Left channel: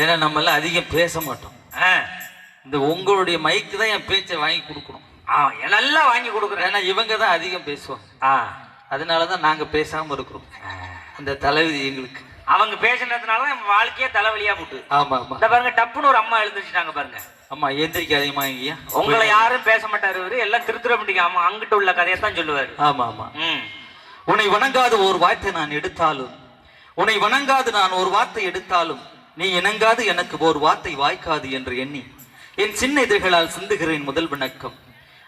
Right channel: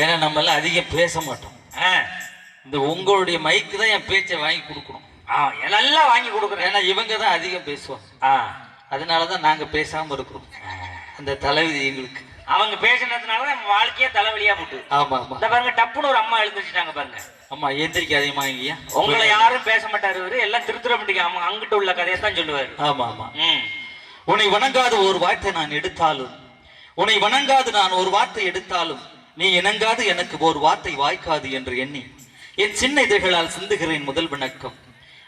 ஏன்னா நம்ம எல்லாம் அதிகம் பேச மாட்டோம். இந்த உங்களுடைய மைக்கு தான் என் பேச்சை வாங்கி கொடுக்கணும். நல்லா வாங்கி கொடுக்குறேன். ஏன்னா இவங்க தான் அதிகம் பேசுவாங்க. அதனாலதான் நாங்க பேசாம இருக்கிறோம். அந்த தலைவிதி எங்களுக்கு. அவங்க பேசினதுனால நம்ம வாழ்க்கையே தலைவலியா போட்டு. ஆமா ஆமா. இந்த பாருங்க, டப்புன்னு ஒரு அம்மா எழுந்துச்சுட்டாங்க பாருங்க. அம்மா எந்திரிக்காதீமா இங்கயா. உங்களை யாரும் பேச மாட்டாரு இவரு, எல்லாம் திருத்துற மாட்டீங்க. அம்மா அங்கிட்ட உள்ள கதையை தான் சொல்லுவாரு. ஆமா ஆமா. உன்னை வணங்காத ஒரு வார்த்தை நான் எடுத்தாலும், உன்னை வணங்காது நான் ஒரு வார்த்தை எடுத்தாலும், நீ இணங்காது எனக்கு ஒரு வார்த்தை வாய்க்காது என்று எண்ணி என் சின்ன இதழ்களால் சிந்துகிறேன் முதல் வணக்கம்.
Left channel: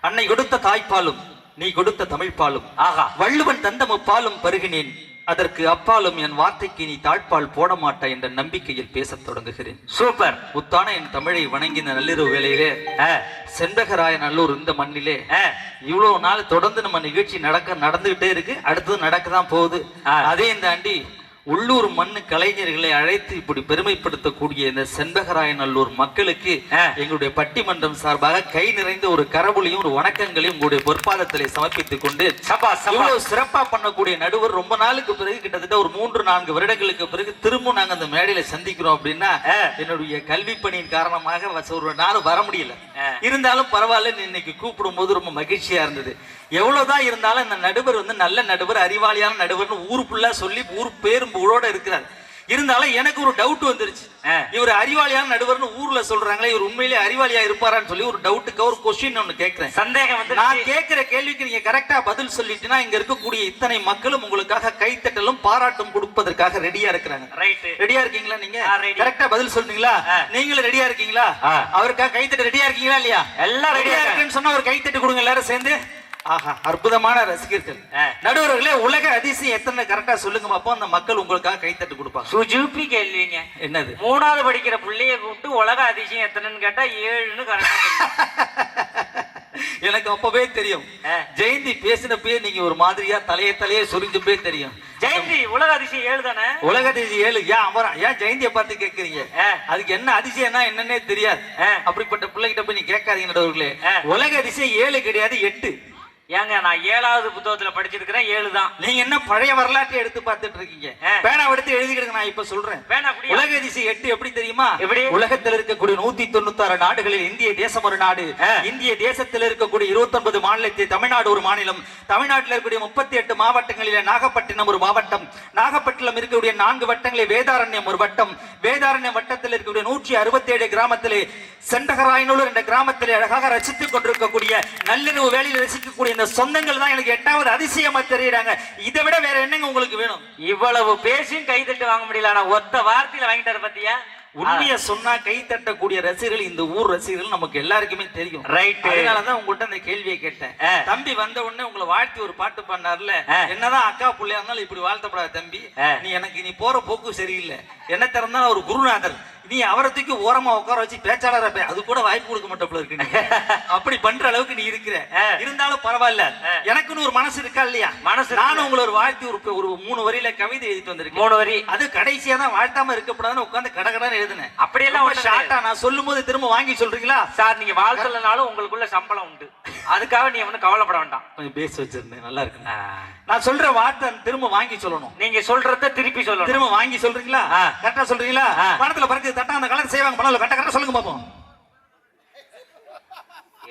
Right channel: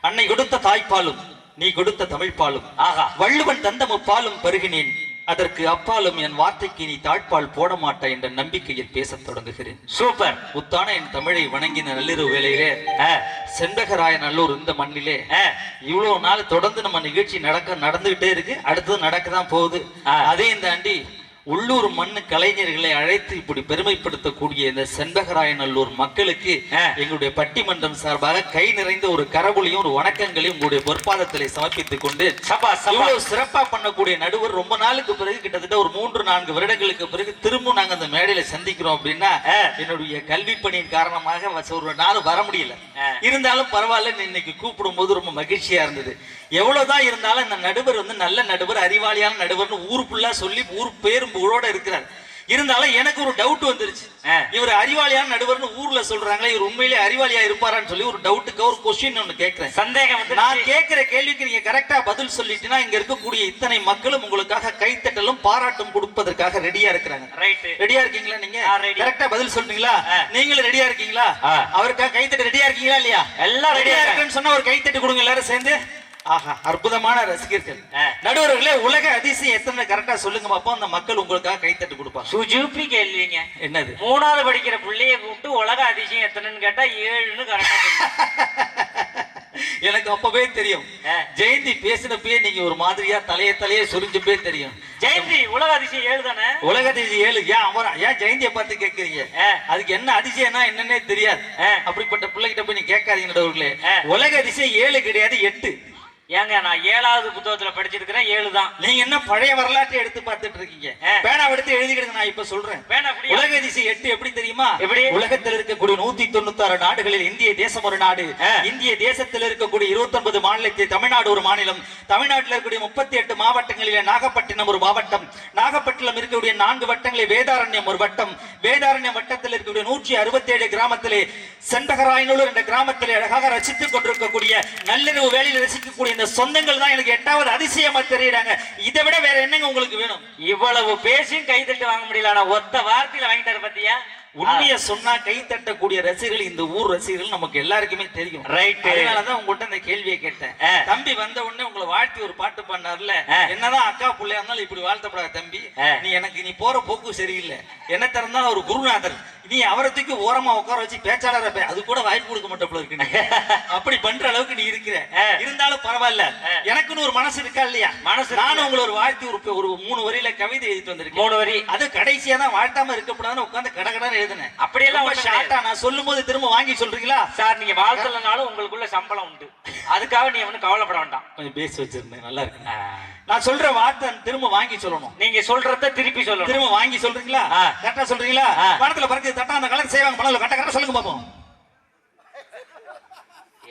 அன்னை கொடுத்த தாய்ப்பாலும் நீ கொடுத்த தமிழ்ப்பாலும், ஆகா வள்ளுவன் தந்த முப்பாலும் பருகினேன். அதற்கு அப்பாலும் என் வார்த்தைக்கு நீ தாழ்பால் போட மாட்டாய் என்ற நம்பிக்கையில் பேசத் தொடங்குகிறேன். சூப்பர். முத்தான என் தமிழை வணங்கின நள்ளிரவு வேளையிலே செண்பகராய நல்லூர் இந்த மண்ணிலே இவ்வளவு நாள் தொடர்ந்து நம்ம நிகழ்ச்சி நடந்துகிட்டே இருக்கு. அடுத்தது நடக்கதான் போகுது. அதே இந்த ஆண்டி உள்ளூர் மண்ணு கலைஞர்களை அழைத்து இப்படி பெருமைப்படுத்தக்கூடிய இந்த செண்பகராய நல்லூர் மக்களுக்கு எங்களுடைய பட்டிமன்றம் சார்பாக கை நிறைந்த ஒரு கரவொலியும் ஒரு வணக்கங்களையும் உங்களுடைய பொற்பாதத்திலே சமர்ப்பித்துக் கொண்டு, இவ்வளவு சிறப்பா பண்ணக்கூடிய நடுவர் ரொம்ப நாளுக்கு பிறகு, கிட்டத்தட்ட ஒரு 3-4 வருடங்களுக்கு பிறகு திரும்ப நாங்க அந்த மேடையில சந்திக்கிறோம் அப்படின்னா, என்னுடைய கல்வி பணியின் காரணமாக ஒரு நாள் வர முடியல. இருந்தாலும் பரவாயில்ல, இன்னைக்கு கூப்பிடும் போது ரொம்ப மகிழ்ச்சியா இருந்தது. எவ்வளவுதான் இருந்தாலும் இந்த நடுவர் நல்ல நடுவர், அறிவாளியான நடுவர்னு ஊர் ஃபுல்லா சொல்லி ஊர் பேரும் ஊரோட இருக்கிறார். இருந்தாலும் எனக்கு ஒரு டவுட் வந்துருச்சு. இவர் அறிவாளியான நடுவர்னு ஊர்ல சொல்றாங்களே, இவர் உண்மையிலே அறிவாளியா இருப்பாரான்னு சொல்லி ஒரு டவுட்டுக்கு ஒரு கொஸ்டின் ஒண்ணு கேட்கிறேன். சந்தேகம் வந்து நான் கேட்கிற கேள்விக்கு நீங்க கரெக்டா பதில் சொல்லிட்டீங்கன்னா இங்க இருக்கக்கூடிய இத்தனை மக்களும் உங்களுக்காக கைத்தட்டலும் பாராட்டும் கொடுப்பதற்காக ரெடியா இருக்கிறாங்க. ரெடியா இருக்கீங்களா? நீங்க கரெக்டா பதில் சொல்றீங்களா? நீங்களும் ரெடியா இருக்கீங்களா? அவருக்காக கைத்தட்ட ரெடியா இருக்கீங்களா இல்லையா? எல்லாம் ரெடியா இருக்குன்னு சொன்னா ஒரு கைத்தட்டு கொடுங்க எல்லாரும் சேர்ந்து. ஆஹா, அற்புதமான ரசிகர்கள். நடுவர்களே, உலக அதிசயம் எத்தனை கரெக்டா சொல்லுங்க பாப்போம். அந்த மக்கள் உங்களுக்காக கைத்தட்டு கொடுப்பாங்க. சுஜூப்பி கேள்விங்க. என்னது? 3வது படிக்கிற பிள்ளைய கூப்பிட்டு உலக அதிசயம் எத்தனைன்னு கேட்டா 7ன்னு கரெக்டா. எனக்கு அப்பவே தெரியும். ஜெயந்தி பேசினப்பே நீங்க ஒரு மாதிரியா தலையே சொரிஞ்சப்பே தெரியும். ஜெயந்தி உலக அதிசயம் 7 தானே? உலக அதிசயம் 7. ஏன் ஜெயந்தியை பார்த்து கேட்கறீங்க? அதுக்கு என்ன அதிசயம்னா என்னன்னே தெரியாது. அப்படிப்பட்ட பிள்ளைகிட்ட போய் நீ கேட்காதீங்க நடுவர்களே. உலக அதிசயம் 7 கிடையாது, 8. ஏங்க, நான் 7வது புத்தகத்துல படிச்சிருக்கிறேன், 7 தான். நீங்க என்ன பழைய வரலாற்றை எடுத்து பார்த்துட்டு இருக்கீங்க? பேனா எடுத்து எழுதிக்கிறேன். நான் இப்ப சொல்றேன். உலக அதிசயம் 8 எப்படி தெரியுமா? எப்படி? உலகத்தில் இருக்கக்கூடிய 196 நாடுகளில் இந்திய தேசம் ஒரு நாடு. இந்திய தேசத்தில் இருக்கக்கூடிய 29 மாநிலத்தில் தமிழ்நாடு ஒரு மாநிலம். தமிழ்நாட்டில் இருக்கக்கூடிய 38 மாவட்டங்களில் நாகப்பட்டினம் ஒரு மாவட்டம். நாகப்பட்டினம் இருக்கக்கூடிய 4 வட்டங்களில் வேதாரண்யம் ஒரு வட்டம். வேதாரண்யம் வட்டத்தில் இருக்கக்கூடிய 167 கிராமத்திலே செண்பகராயனூர் என்ற கிராமத்திலே அழகாக ரசித்துக் கொண்டிருக்கக்கூடிய நள்ளிரவு வேலையில் ரசிக்கக்கூடிய சொந்தங்கள் தான் எனக்கு 8வது அதிசயமா தெரியுறாங்க. இதை விட வேற என்னங்க உங்களுக்கு வேணும்? இவ்வளவு பேசியும் கைத்தட்டு வாங்க முடியல. ஆனா ஒத்த வார்த்தையில வாங்கிட்டாரு பாத்தியா? உண்மையை சொன்னா கை தட்டக்கூடிய ரசிகர்கள் இந்த ஊர் ரசிகர்கள் நமக்கு எல்லாருக்குமே தெரியும். ரைட். அதனாலதான் உங்கள்கிட்ட அந்த கேள்வியை கேட்டேன். தம்பி வந்த உடனே உங்களை வாழ்த்தி ஒரு பாட்டு பண்ணார்ல, என்னதான் அக்கா பிள்ளையா இருந்தாலும் இப்படி வாழ்த்தப்படாத தம்பி. நீ போற போக்கு சரியில்லை. என்ன திறந்தா ஒரு குருநாதர், நீ அவரத்துக்கு ஓரமா உட்கார வச்சு பேச்சாளர் அது கூட வாய்ப்பு கொடுக்க மாட்டோம் இருக்கு. அப்படி பண்ற அளவுக்கு நீ இருக்கிற. இருந்தாலும் பரவாயில்ல, எனக்குன்னு ஒரு மனசு இருக்கா இல்லையா? மனசு. நானும் உங்களை ஒரு வாழ்த்தி ஒரு 3 வரியில கவிதை எழுதிட்டு வந்திருக்கேன். 3 வரி. அது கடைசியா தான் வாழ்த்தாம இருக்கக்கூடாதுன்னு உட்காந்து கடகடன்னு எழுதுனேன். அப்படியெல்லாம் நான் சொல்லும் போது திரும்ப வாங்கி சொல்றீங்களா? சார், நீங்க வாழ்த்தலனாலும் உங்களுக்குள்ள சம்பளம் உண்டு. அதுக்காக நீ ஒன்னும் கவலைப்பட வேண்டாம். கொஞ்சம் பேச வச்சிருந்தேன், நல்லா இருக்கு. நான் சொல்ற வார்த்தை திரும்ப வாங்கி சொல்லணும். நீங்க சொல்றத திருப்பி சொல்லணும். திரும்ப வாங்கி சொல்றீங்களா? கரெக்டா சொல்றீங்களா? பணத்துல பறக்குது தட்டா அந்த கலர் செய்வாங்க. பணம் கரெக்டா சொல்லுங்க பாப்போம்.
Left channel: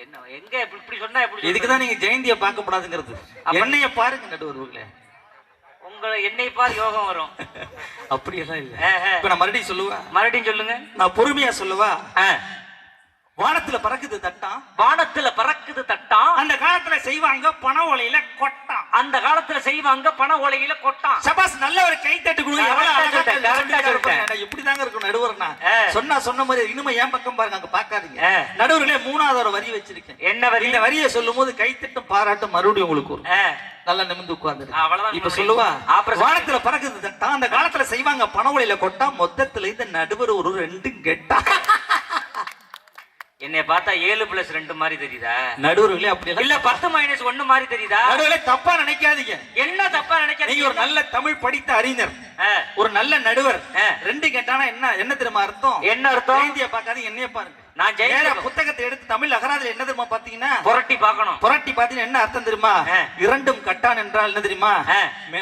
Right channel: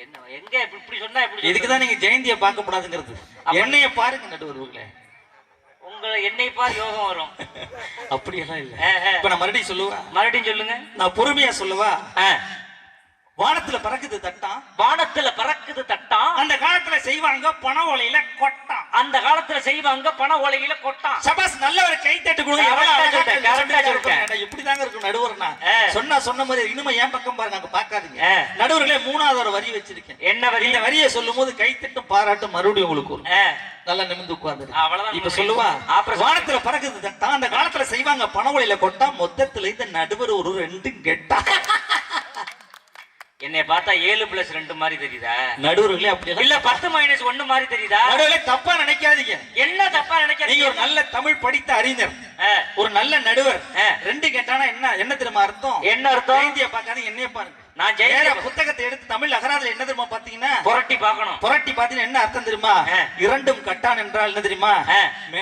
என்ன எங்க இப்படி சொன்னா எப்படி? இதுக்குதான் நீங்க ஜெயந்தியை பார்க்க கூடாதுங்கிறது. என்னைய பாருங்க நடுவர்களே, உங்களை என்னை பார் யோகம் வரும். அப்படியெல்லாம் இல்ல. இப்ப நான் மறுபடியும் சொல்லுவா? மறுபடியும் சொல்லுங்க. நான் பொறுமையா சொல்லுவா? வானத்துல பறக்குது தட்டான். வானத்துல பறக்குது தட்டான். அந்த காலத்துல செய்வாங்க பண ஓலையில கொட்டான். அந்த காலத்துல செய்வாங்க பண ஓலையில கொட்டான். சபாஸ், நல்ல ஒரு கை தட்டு கொடுங்க. எப்படிதாங்க இருக்கும் நடுவர்னா? சொன்ன மாதிரி இனிமே என் பக்கம் பாருங்க, அங்க பாக்காதீங்க. நடுவர்களே, 3வது ஒரு வரி வச்சிருக்கேன். என்ன வரி? இந்த வரியை சொல்லும் போது கைத்தட்டும் பாராட்டும் மறுபடியும் உங்களுக்கு நல்லா நிமிந்து உட்கார்ந்து. இப்ப சொல்லுவா, வானத்துல பறக்குது தட்டான். அந்த காலத்துல செய்வாங்க பண ஓலையில கொட்டா. மொத்தத்துல இந்த நடுவர் ஒரு 2 கெட்டா. என்னை பார்த்தா 7+2 மாதிரி தெரியுதா? நடுவர்களே அப்படி இல்ல, 10-1 மாதிரி தெரியுதா? நடுவர்களே, தப்பா நினைக்காதீங்க. என்ன தப்பா நினைக்காதீங்க? நீங்க ஒரு நல்ல தமிழ் படித்த அறிஞர், ஒரு நல்ல நடுவர். 2 கேட்டானா என்ன தெரியுமா அர்த்தம்? என்ன அர்த்தம்? ஜெயந்தியை பார்க்காதீங்க, என்னைய பாருங்க. நான் புத்தகத்தை எடுத்து தமிழ் அகராதில என்ன தெரியுமா பாத்தீங்கன்னா புரட்டி பார்க்கணும். புரட்டி பாத்தீங்கன்னா என்ன அர்த்தம் தெரியுமா? இரண்டும் கட்டான் என்றால் என்ன தெரியுமா?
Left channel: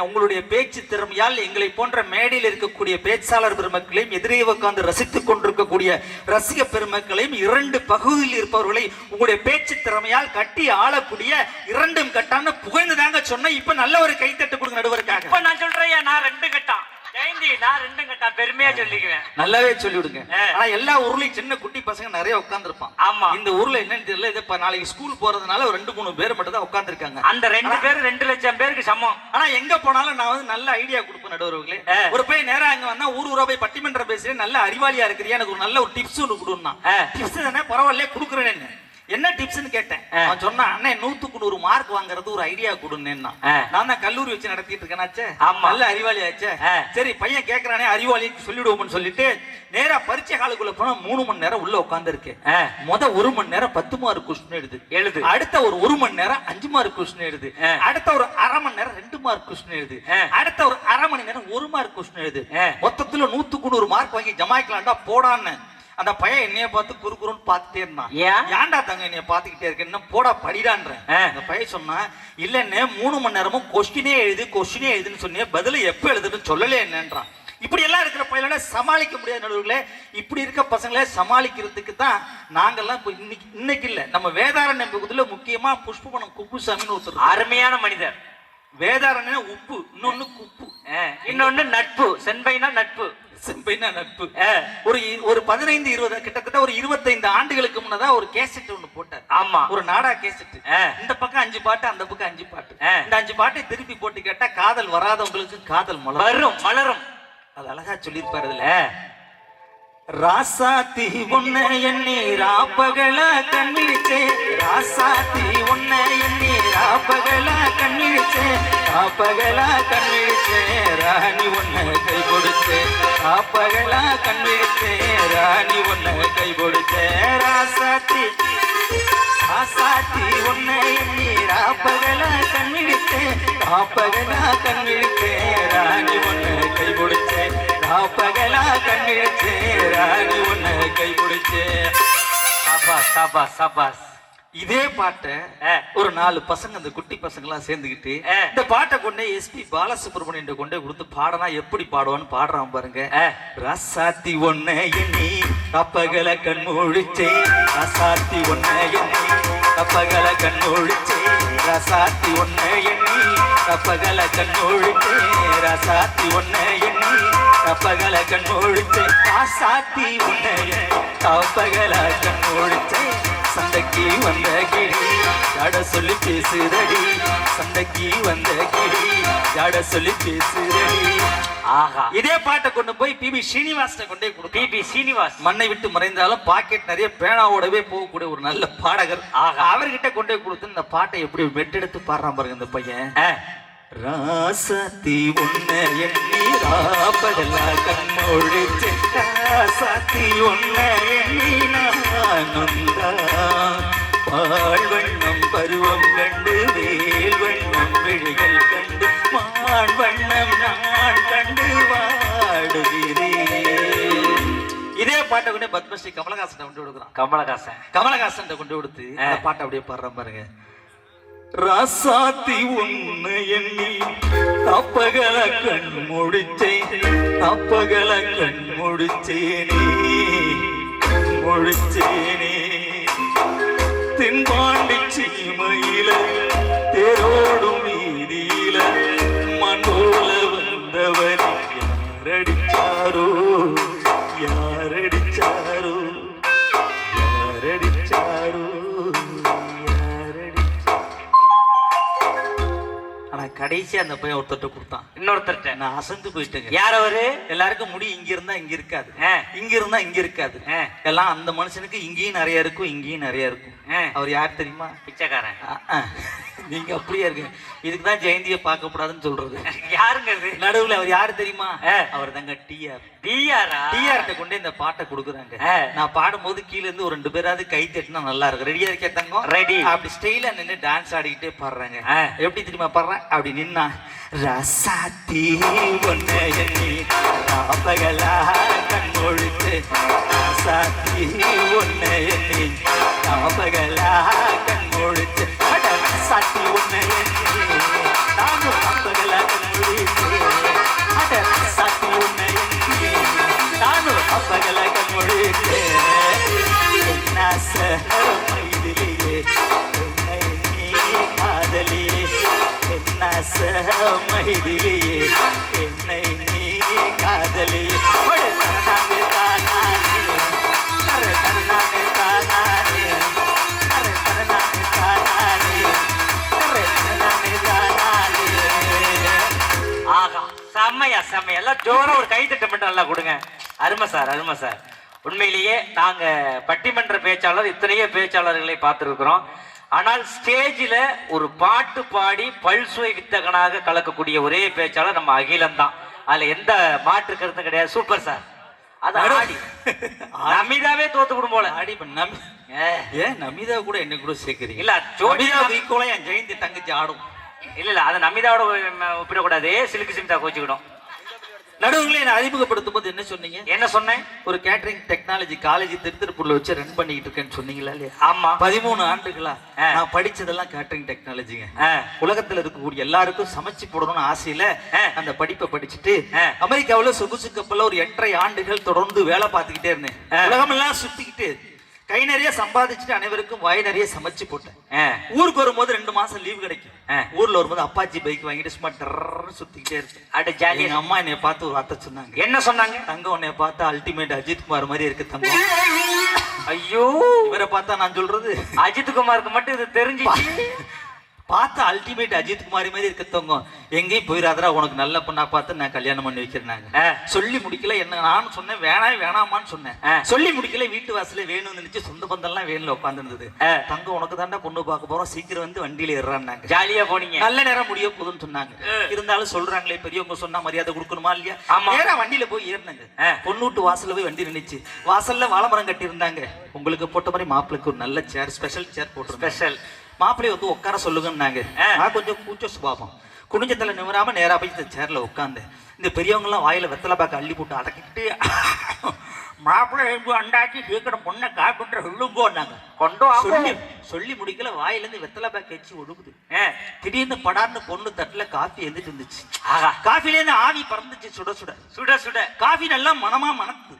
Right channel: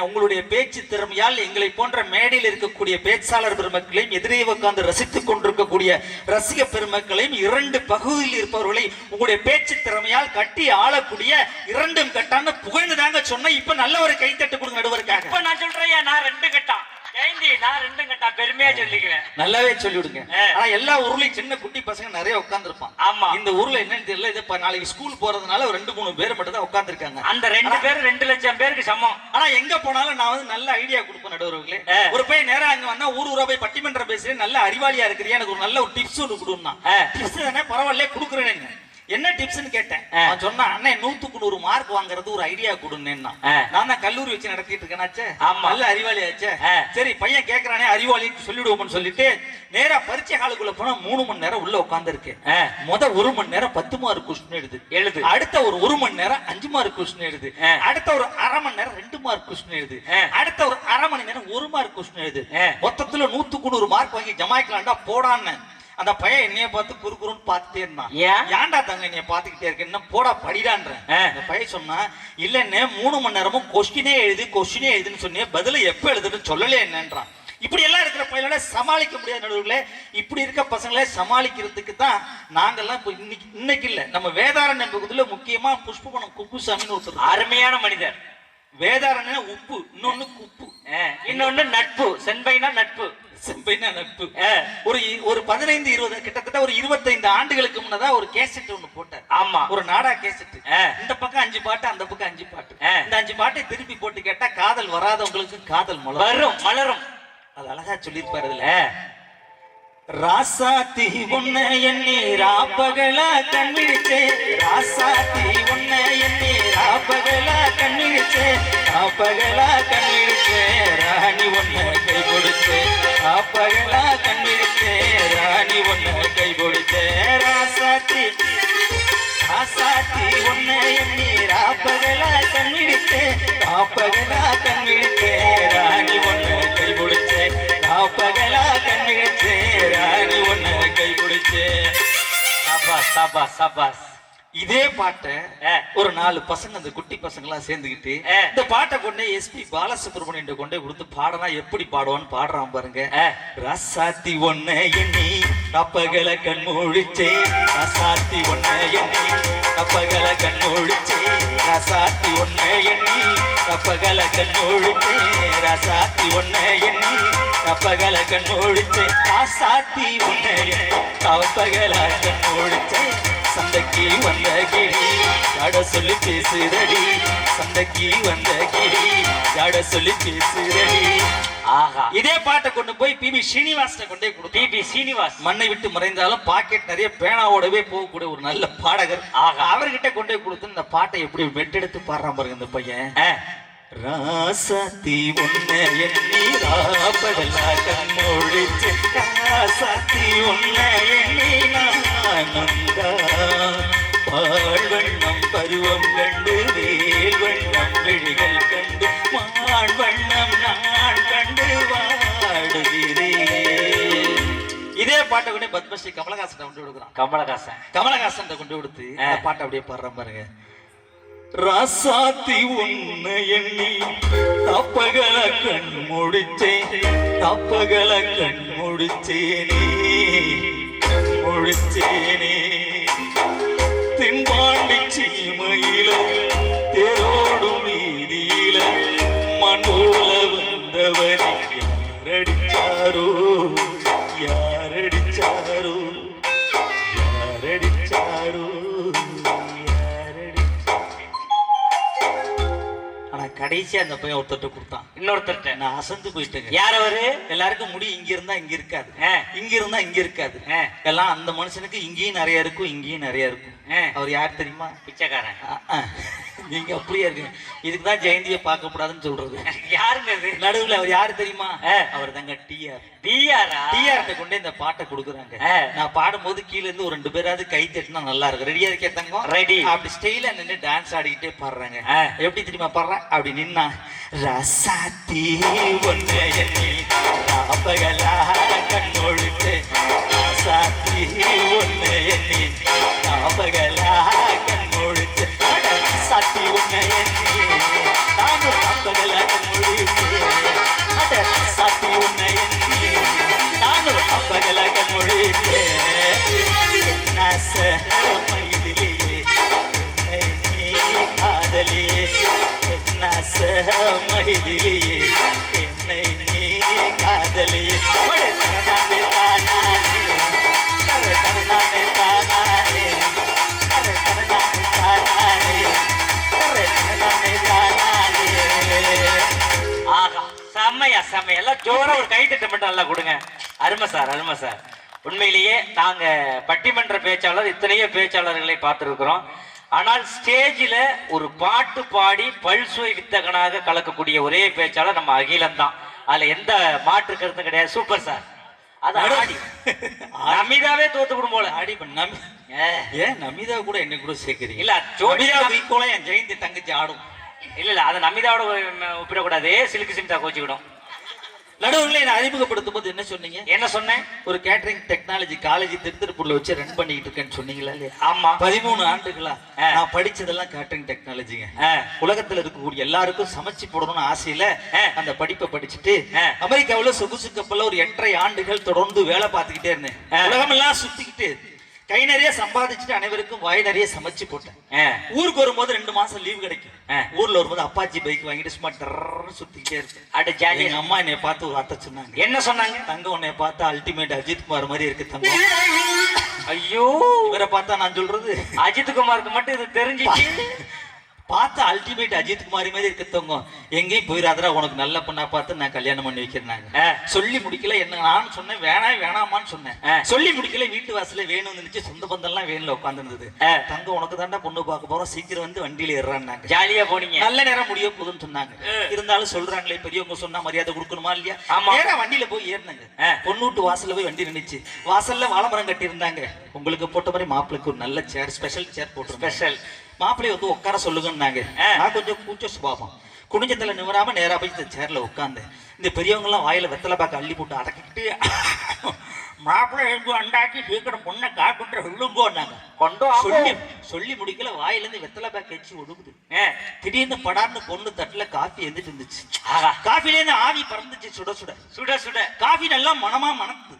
உங்களுடைய பேச்சு திறமையால் எங்களை போன்ற மேடையில் இருக்கக்கூடிய பேச்சாளர் பெருமக்களையும் எதிரே உட்கார்ந்து ரசித்துக் கொண்டிருக்கக்கூடிய ரசிக பெருமக்களையும் இரண்டு பகுதியில் இருப்பவர்களை உங்களுடைய பேச்சு திறமையால் கட்டி ஆளக்கூடிய இரண்டும் கட்டான்னு புகழ்ந்துதாங்க சொன்ன. இப்ப நல்ல ஒரு கைத்தட்டு கொடுங்க நடுவருக்காக. இப்ப நான் சொல்றேன், நான் 2 கட்டான் நான் 2 கட்டா பெருமையா சொல்லிக்குவேன். நல்லாவே சொல்லிவிடுங்க. ஆனா எல்லா ஊர்லயும் சின்ன குட்டி பசங்க நிறைய உட்கார்ந்து இருப்பான். ஆமா, இந்த ஊர்ல என்னன்னு தெரியல. இது நாளைக்கு ஸ்கூல் போறதுனால ஒரு 2-3 பேர் மட்டும் தான் உட்கார்ந்து இருக்காங்க. அந்த 2 பேர் 2 லட்சம் பேருக்கு சமம். ஆனா எங்க போனாலும் நான் வந்து நல்ல ஐடியா கொடுப்பேன் நடுவர்களே. ஒரு போய் நேரம் அங்க வந்தா ஊரா போய் பட்டிமன்றம் பேசுறேன், நல்ல அறிவாளியா இருக்கிறியா, எனக்கு ஒரு நல்ல ஒரு டிப்ஸ் ஒன்று கொடுன்னா. டிப்ஸ் தானே பரவாயில்ல கொடுக்குறேன். என்ன டிப்ஸ்னு கேட்டேன். அவன் சொன்னா, அண்ணே 100க்கு 100 மார்க் வாங்குறது ஒரு ஐடியா கொடுன்னா. நான் தான் கல்லூரி வச்சு நடத்திட்டு இருக்கேனாச்சே, நல்ல அறிவாளி ஆச்சே. சரி பையன் கேட்கறானே அறிவாளின்னு சொல்லிடுவோம்னு சொல்லிட்டு நேரா பரீட்சை ஹாலுக்குள்ள போனா 3 மணி நேரம் உள்ள உட்கார்ந்து இருக்கேன். 1 மணி நேரம் 10 மார்க் கொஸ்டின் எழுது. அடுத்த ஒரு 1 மணி நேரம் 5 மார்க் கொஸ்டின் எழுது. அடுத்த ஒரு அரை மணி நேரம் 2 மார்க் கொஸ்டின் எழுது. அடுத்த ஒரு அரை மணி நேரம் 1 மார்க் கொஸ்டின் எழுது. மொத்தத்துல 100க்கு 100 மார்க் வாங்கி ஜமாய்க்கலாம்டா போடான்னு. அந்த பையன் என்னைய பார்த்து குறுகுறுன்னு பார்த்துட்டே இருந்தான். ஏன்டா தங்க என்னைய பார்த்துக்கிட்டே இருக்கு, என்ன போடா படிடான்றேன். அந்த பையன் சொன்னா, இல்லன்னு 3 மணி நேரமும் கொஸ்டினே எழுதுன்னு சொன்னே, பதில எப்ப எழுதுன்னு சொல்லலே என்னன்றான். இப்படி எல்லாம் இருக்கிற பையனால சமாளிக்க முடியாத நடுவுகளே. இப்படி இருக்க பசங்களே சமாளிக்கிறதுக்கு தான் நாங்கெல்லாம் இன்னைக்கு இல்ல, நம்ம வேதாரண்யம் பகுதியில முக்கியமா புஷ்பவனம் குப்புசாமின்னு ஒருத்தர் அருமையான மனிதர். வேதாரண்யம் உப்பு, இன்னொன்னு குப்பு, இன்னொன்னு நட்பு. செம்பைனா நட்பு, செம்பைனா நட்பு. ஒரு 15-20 கிட்டத்தட்ட ஒரு 25 ஆண்டுகளுக்கு முன்னதான் ஒரு கேசட் ஒண்ணு போட்டார். ஆமா, ஒரு நாடா கேசட். இந்த பக்கம் 5 பாட்டு, அந்த பக்கம் 5 பாட்டு. இந்த 5 பாட்டை திருப்பி போட்டு கேட்டா காதல் வராதவங்களுக்கு காதல் மலரும். அது அழகா சொல்லிருப்பாரு. அதுல ராசாத்தி உன்னை எண்ணி ராப்பகலா கண்ணிழிச்சே, ராசாத்தி உன்னை எண்ணி ராப்பகலா கண்ணிழிச்சே, ராப்பகலா கண்ணிழிச்சே, ராணி உன்னை கை கொடுத்தே, ராப்பகலா கண்ணிழிச்சே, ராணி உன்னை கை கொடுத்தே, ராசாத்தி ராசாத்தி உன்னை எண்ணி ராப்பகலா கண்ணிழிச்சே, ராப்பகலா கண்ணிழிச்சே, ராணி உன்னை கை கொடுத்தே, ராப்பகலா கண்ணிழிச்சே, ராணி உன்னை கை கொடுத்தே. சாபாஸ் சாபாஸ் சாபாஸ். இதே பாட்டை ஒரு 4 பசங்க, அந்த குட்டி பசங்க எல்லாம் சேர்ந்துக்கிட்டு இந்த பாட்டை கொண்டே எஸ்பி பாலசுப்ரமணியன் கொண்டே கொடுத்து பாடனா எப்படி பாடுவான்னு பாடுறான் பாருங்க. ராசாத்தி ஒன்ன எண்ணி கப்பகல கண் மூழிச்சே, ராசாத்தி ஒன்ன எண்ணி கப்பகல கண் மூழிச்சே, ராசாத்தி ஒன்ன எண்ணி கப்பகல கண் மூழிச்சே, ராசாத்தி ஒன்ன எண்ணி கப்பகல கண் மூழிச்சே, ராசாத்தி ஒன்ன எண்ணி கப்பகல கண் மூழிச்சே, சண்டைக்கு வந்த கிளி ஜாட சொல்லி பேசுறடி, சண்டைக்கு வந்த கிளி ஜாட சொல்லி பேசுறடி. ஆஹா, இதே பாட்டை கொண்டு போய் பிபி ஸ்ரீனிவாசனை கொண்டே கொடு. பிபி ஸ்ரீனிவாஸ் மண்ணை விட்டு மறைந்தாலும் பாக்கெட் நிறைய பேனாவோடவே போகக்கூடிய ஒரு நல்ல பாடகர். ஆகா, அவர்கிட்ட கொண்டே கொடுத்து இந்த பாட்டை எப்படி மெட்டெடுத்து பாடுறான் பாருங்க இந்த பையன். ராசாத்தி உன்னை எண்ணி ராப்பகலா கண்ணொழிச்சே, ராசாத்தி உன்னை எண்ணி நானுந்தா, பாழ்வண்ணம் பருவம் கண்டு வேல் வண்ணம் விழிகள் கண்டு மான் வண்ணம் நான் கண்டு வாடுகிறேன். இதே பாட்டை கொண்டு பத்மஸ்ரீ கமலஹாசன் கொண்டு கொடுக்குறான். கமலஹாசன் கொண்டு கொடுத்து பாட்டை அப்படியே பாடுறான் பாருங்க. ராசாத்தி உன்னை எண்ணி தப்பகல கண் முடிச்சேன், தப்பகல கண் முடிச்சேனே, முடிச்சேனே, தென்பாண்டி சீமையில தேரோடும் வீதியில மண்டோல வந்தவனை யாரடிச்சாரோ, யாரடிச்சாரோ, யாரடிச்சாரோ. கடைசி அந்த பையன் ஒருத்தட்ட கொடுத்தான், இன்னொருத்தட்ட. நான் அசந்து போயிட்டேங்க. யார் அவரு? எல்லாருக்கும் முடி இங்க இருந்தா இங்க இருக்காது, இங்க இருந்தா இங்க இருக்காது. எல்லாம் அந்த மனுஷனுக்கு இங்கேயும் நிறைய இருக்கும், இங்கேயும் நிறைய இருக்கும். அவர் யார் தெரியுமா? பிச்சைக்காரன். நீங்க அப்படியே இருக்கு. இதுக்குதான் ஜெயந்தியை பார்க்க கூடாதுன்னு சொல்றது. யாருங்க நடுவுல அவர் யாரு தெரியுமா? அவர் தாங்க டிஆர். டிஆர்ட்ட கொண்டு இந்த பாட்டை கொடுக்குறாங்க. நான் பாடும்போது கீழ இருந்து ஒரு 2 பேராவது கை தட்டினா நல்லா இருக்கும். ரெடியா இருக்கே தங்கம்? ரெடி. அப்படி ஸ்டைலா நின்று டான்ஸ் ஆடிக்கிட்டே பாடுறாங்க. எப்படி தெரியுமா பாடுறேன்? அப்படி நின்னா, ராசாத்தி ஒன்னை எண்ணி ராப்பகலா கண்ணொழிச்சே, சாத்தி ஒன்னு எண்ணி நாபகலா கண் முழிச்சு சாத்தி ஒன்னு எண்ணி நானும் நாபகலா கண் முழிச்சு சாத்தி ஒன்னு எண்ணி நானும் நாபகலா கண் முழிச்சு மயிலிலேயே என்னை நீ காதலியே மயிலிலேயே என்னை நீ காதலியே ஆகா செம்மையா செம்மையா எல்லாம் ஜோரா ஒரு கை தட்ட மட்டும் நல்லா கொடுங்க. அருமை சார் அருமை சார். உண்மையிலேயே நாங்க பட்டிமன்ற பேச்சாளர் இத்தனையோ பேச்சாளர்களை பார்த்திருக்கிறோம். ஆனால் ஸ்டேஜில் ஒரு பாட்டு பாடி பல்சுவை வித்தகனாக கலக்கக்கூடிய ஒரே பேச்சாளர் நம்ம அகிலம் தான். அதுல எந்த மாற்று கருத்தும் கிடையாது. Super sir. அது ஆடி நமிதாவே தோத்துக்கிடும் போல. ஆடி ஏன் நமிதா கூட என்ன கூட சேர்க்கிறீங்க? இல்ல ஜோதியா ஈக்குவலா என் ஜெயந்தி தங்கச்சி ஆடும். இல்ல அதை நமிதாவோட ஒப்பிடக்கூடாது. சிலுக்கு சிமிதா கோச்சிக்கிடும். நடுவுல என்ன அறிமுகப்படுத்தும் போது என்ன சொன்னீங்க? என்ன சொன்னேன்? ஒரு கேட்டரிங் டெக்னாலஜி காலேஜ் திருப்பூர்ல வச்சு ரன் பண்ணிட்டு இருக்கேன்னு சொன்னீங்களா இல்லையா? ஆமா. 13 ஆண்டுகளா நான் படிச்சதெல்லாம் கேட்டரிங் டெக்னாலஜிங்க. உலகத்துல இருக்கக்கூடிய எல்லாருக்கும் சமைச்சு போடணும்னு ஆசையில அந்த படிப்பை படிச்சுட்டு அமெரிக்காவுல சொகுசு கப்பல்ல ஒரு 8.5 ஆண்டுகள் தொடர்ந்து வேலை பார்த்துக்கிட்டே இருந்தேன். உலகம் எல்லாம் சுத்திக்கிட்டு கை நிறைய சம்பாதிச்சுட்டு அனைவருக்கும் வாய் நிறைய சமைச்சு போட்டேன். ஊருக்கு வரும்போது 2 மாசம் லீவ் கிடைக்கும். ஊர்ல வரும்போது அப்பாச்சி பைக் வாங்கிட்டு சும்மா சுத்திக்கிட்டே இருக்கு. அட ஜாலி. எங்க அம்மா என்னைய பார்த்து ஒரு வார்த்தை சொன்னாங்க. என்ன சொன்னாங்க? தங்கம் உன்னைய பார்த்தா அல்டிமேட் அஜித் குமார் மாதிரி இருக்கு தங்கம். ஐயோ, இவரை பார்த்தா நான் சொல்றது அஜித் குமாருக்கு மட்டும் இது தெரிஞ்சிச்சு. பார்த்தா அல்டிமேட் அஜித் குமாரி மாதிரி இருக்க தங்கம். எங்கேயும் போயிடாதரா, உனக்கு நல்ல பொண்ணா பார்த்து நான் கல்யாணம் பண்ணி வைக்கிறேன். சொல்லி முடிக்கல. என்ன நான் சொன்னேன் வேணாமான்னு சொன்னேன். சொல்லி முடிக்கல. வீட்டு வாசல வேணும்னு நினைச்சு சொந்த பந்தம் எல்லாம் வேணும்ல உட்கார்ந்து இருந்தது. தங்கம் உனக்கு தாண்டா பொண்ணு பார்க்க போறோம், சீக்கிரம் வந்து வண்டியில ஏறான்னாங்க. ஜாலியா போனீங்க. நல்ல நேரம் முடிய போகுதுன்னு சொன்னாங்க. இருந்தாலும் சொல்றாங்களே பெரியவங்க சொன்னா மரியாதை கொடுக்கணுமா இல்லையா? நேரா வண்டியில போய் ஏறினாங்க. பொண்ணூட்டு வாசல்ல போய் வண்டி நின்னுச்சு. வாசல்ல வாழைமரம் கட்டி இருந்தாங்க. உங்களுக்கு போட்ட மாதிரி மாப்பிளைக்கு ஒரு நல்ல சேர், ஸ்பெஷல் சேர் போட்டு ஸ்பெஷல் மாப்பிள்ளைய வந்து உட்கார சொல்லுங்கன்னாங்க. நான் கொஞ்சம் கூச்ச சுபாவம். குனிஞ்சத்துல நிமிராம நேரா போய் இந்த சேர்ல உட்காந்து இந்த பெரியவங்க எல்லாம் வாயில வெத்தலை பாக்க அள்ளி போட்டு அடக்கிட்டு மாப்பிள்ளை எழுந்து அண்டாச்சி சீக்கிரம் பொண்ணை காட்டுன்ற சொல்லுங்கோன்னாங்க. சொல்லி முடிக்கல. வாயில இருந்து வெத்தலை பாக்க வச்சு ஒடுக்குது. திடீர்னு படார்னு பொண்ணு தட்டுல காஃபி எந்திட்டு இருந்துச்சு. காஃபில இருந்து ஆவி பறந்துச்சு. சுட சுட சுட சுட காஃபி நல்லா மனமா மணக்குது.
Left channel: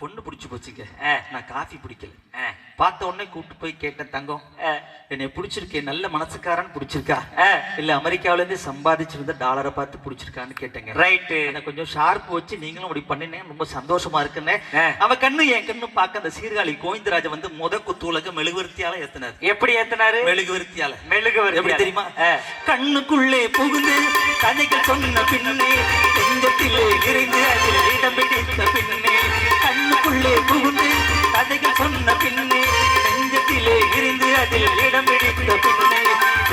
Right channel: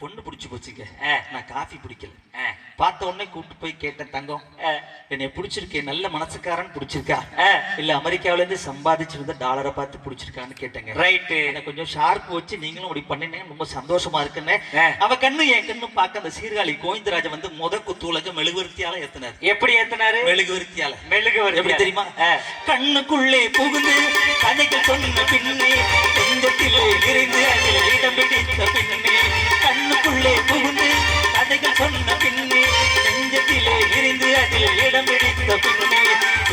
பொண்ணு பிடிச்சு போச்சுங்க. நான் காஃபி பிடிக்கல. பார்த்த உடனே கூப்பிட்டு போய் கேட்டேன், தங்கம் என்னை பிடிச்சிருக்கேன், நல்ல மனசுக்காரன் பிடிச்சிருக்கா இல்ல அமெரிக்காவில இருந்து சம்பாதிச்சு வந்த டாலரை பார்த்து பிடிச்சிருக்கான்னு கேட்டேங்க. ரைட்டு. எனக்கு கொஞ்சம் ஷார்ப் வச்சு நீங்களும் அப்படி பண்ணினேன், ரொம்ப சந்தோஷமா இருக்குன்னு. அவ கண்ணு என் கண்ணு பார்க்க அந்த சீர்காழி கோவிந்தராஜ வந்து முத குத்துலக மெழுகுவர்த்தியால ஏத்தினார். எப்படி ஏத்தினாரு? மெழுகுவர்த்தியால. மெழுகுவர்த்தி எப்படி தெரியுமா? கண்ணுக்குள்ளே புகுந்து கதைகள் சொன்ன பின்னே தெங்கத்திலே இருந்து அதில் இடம் பிடித்த பின்னே கண்ணுக்குள்ளே புகுந்து கதைகள் சொன்ன பின்னே நெஞ்சத்திலே இருந்து அதில் இடம் பிடித்த பின்னே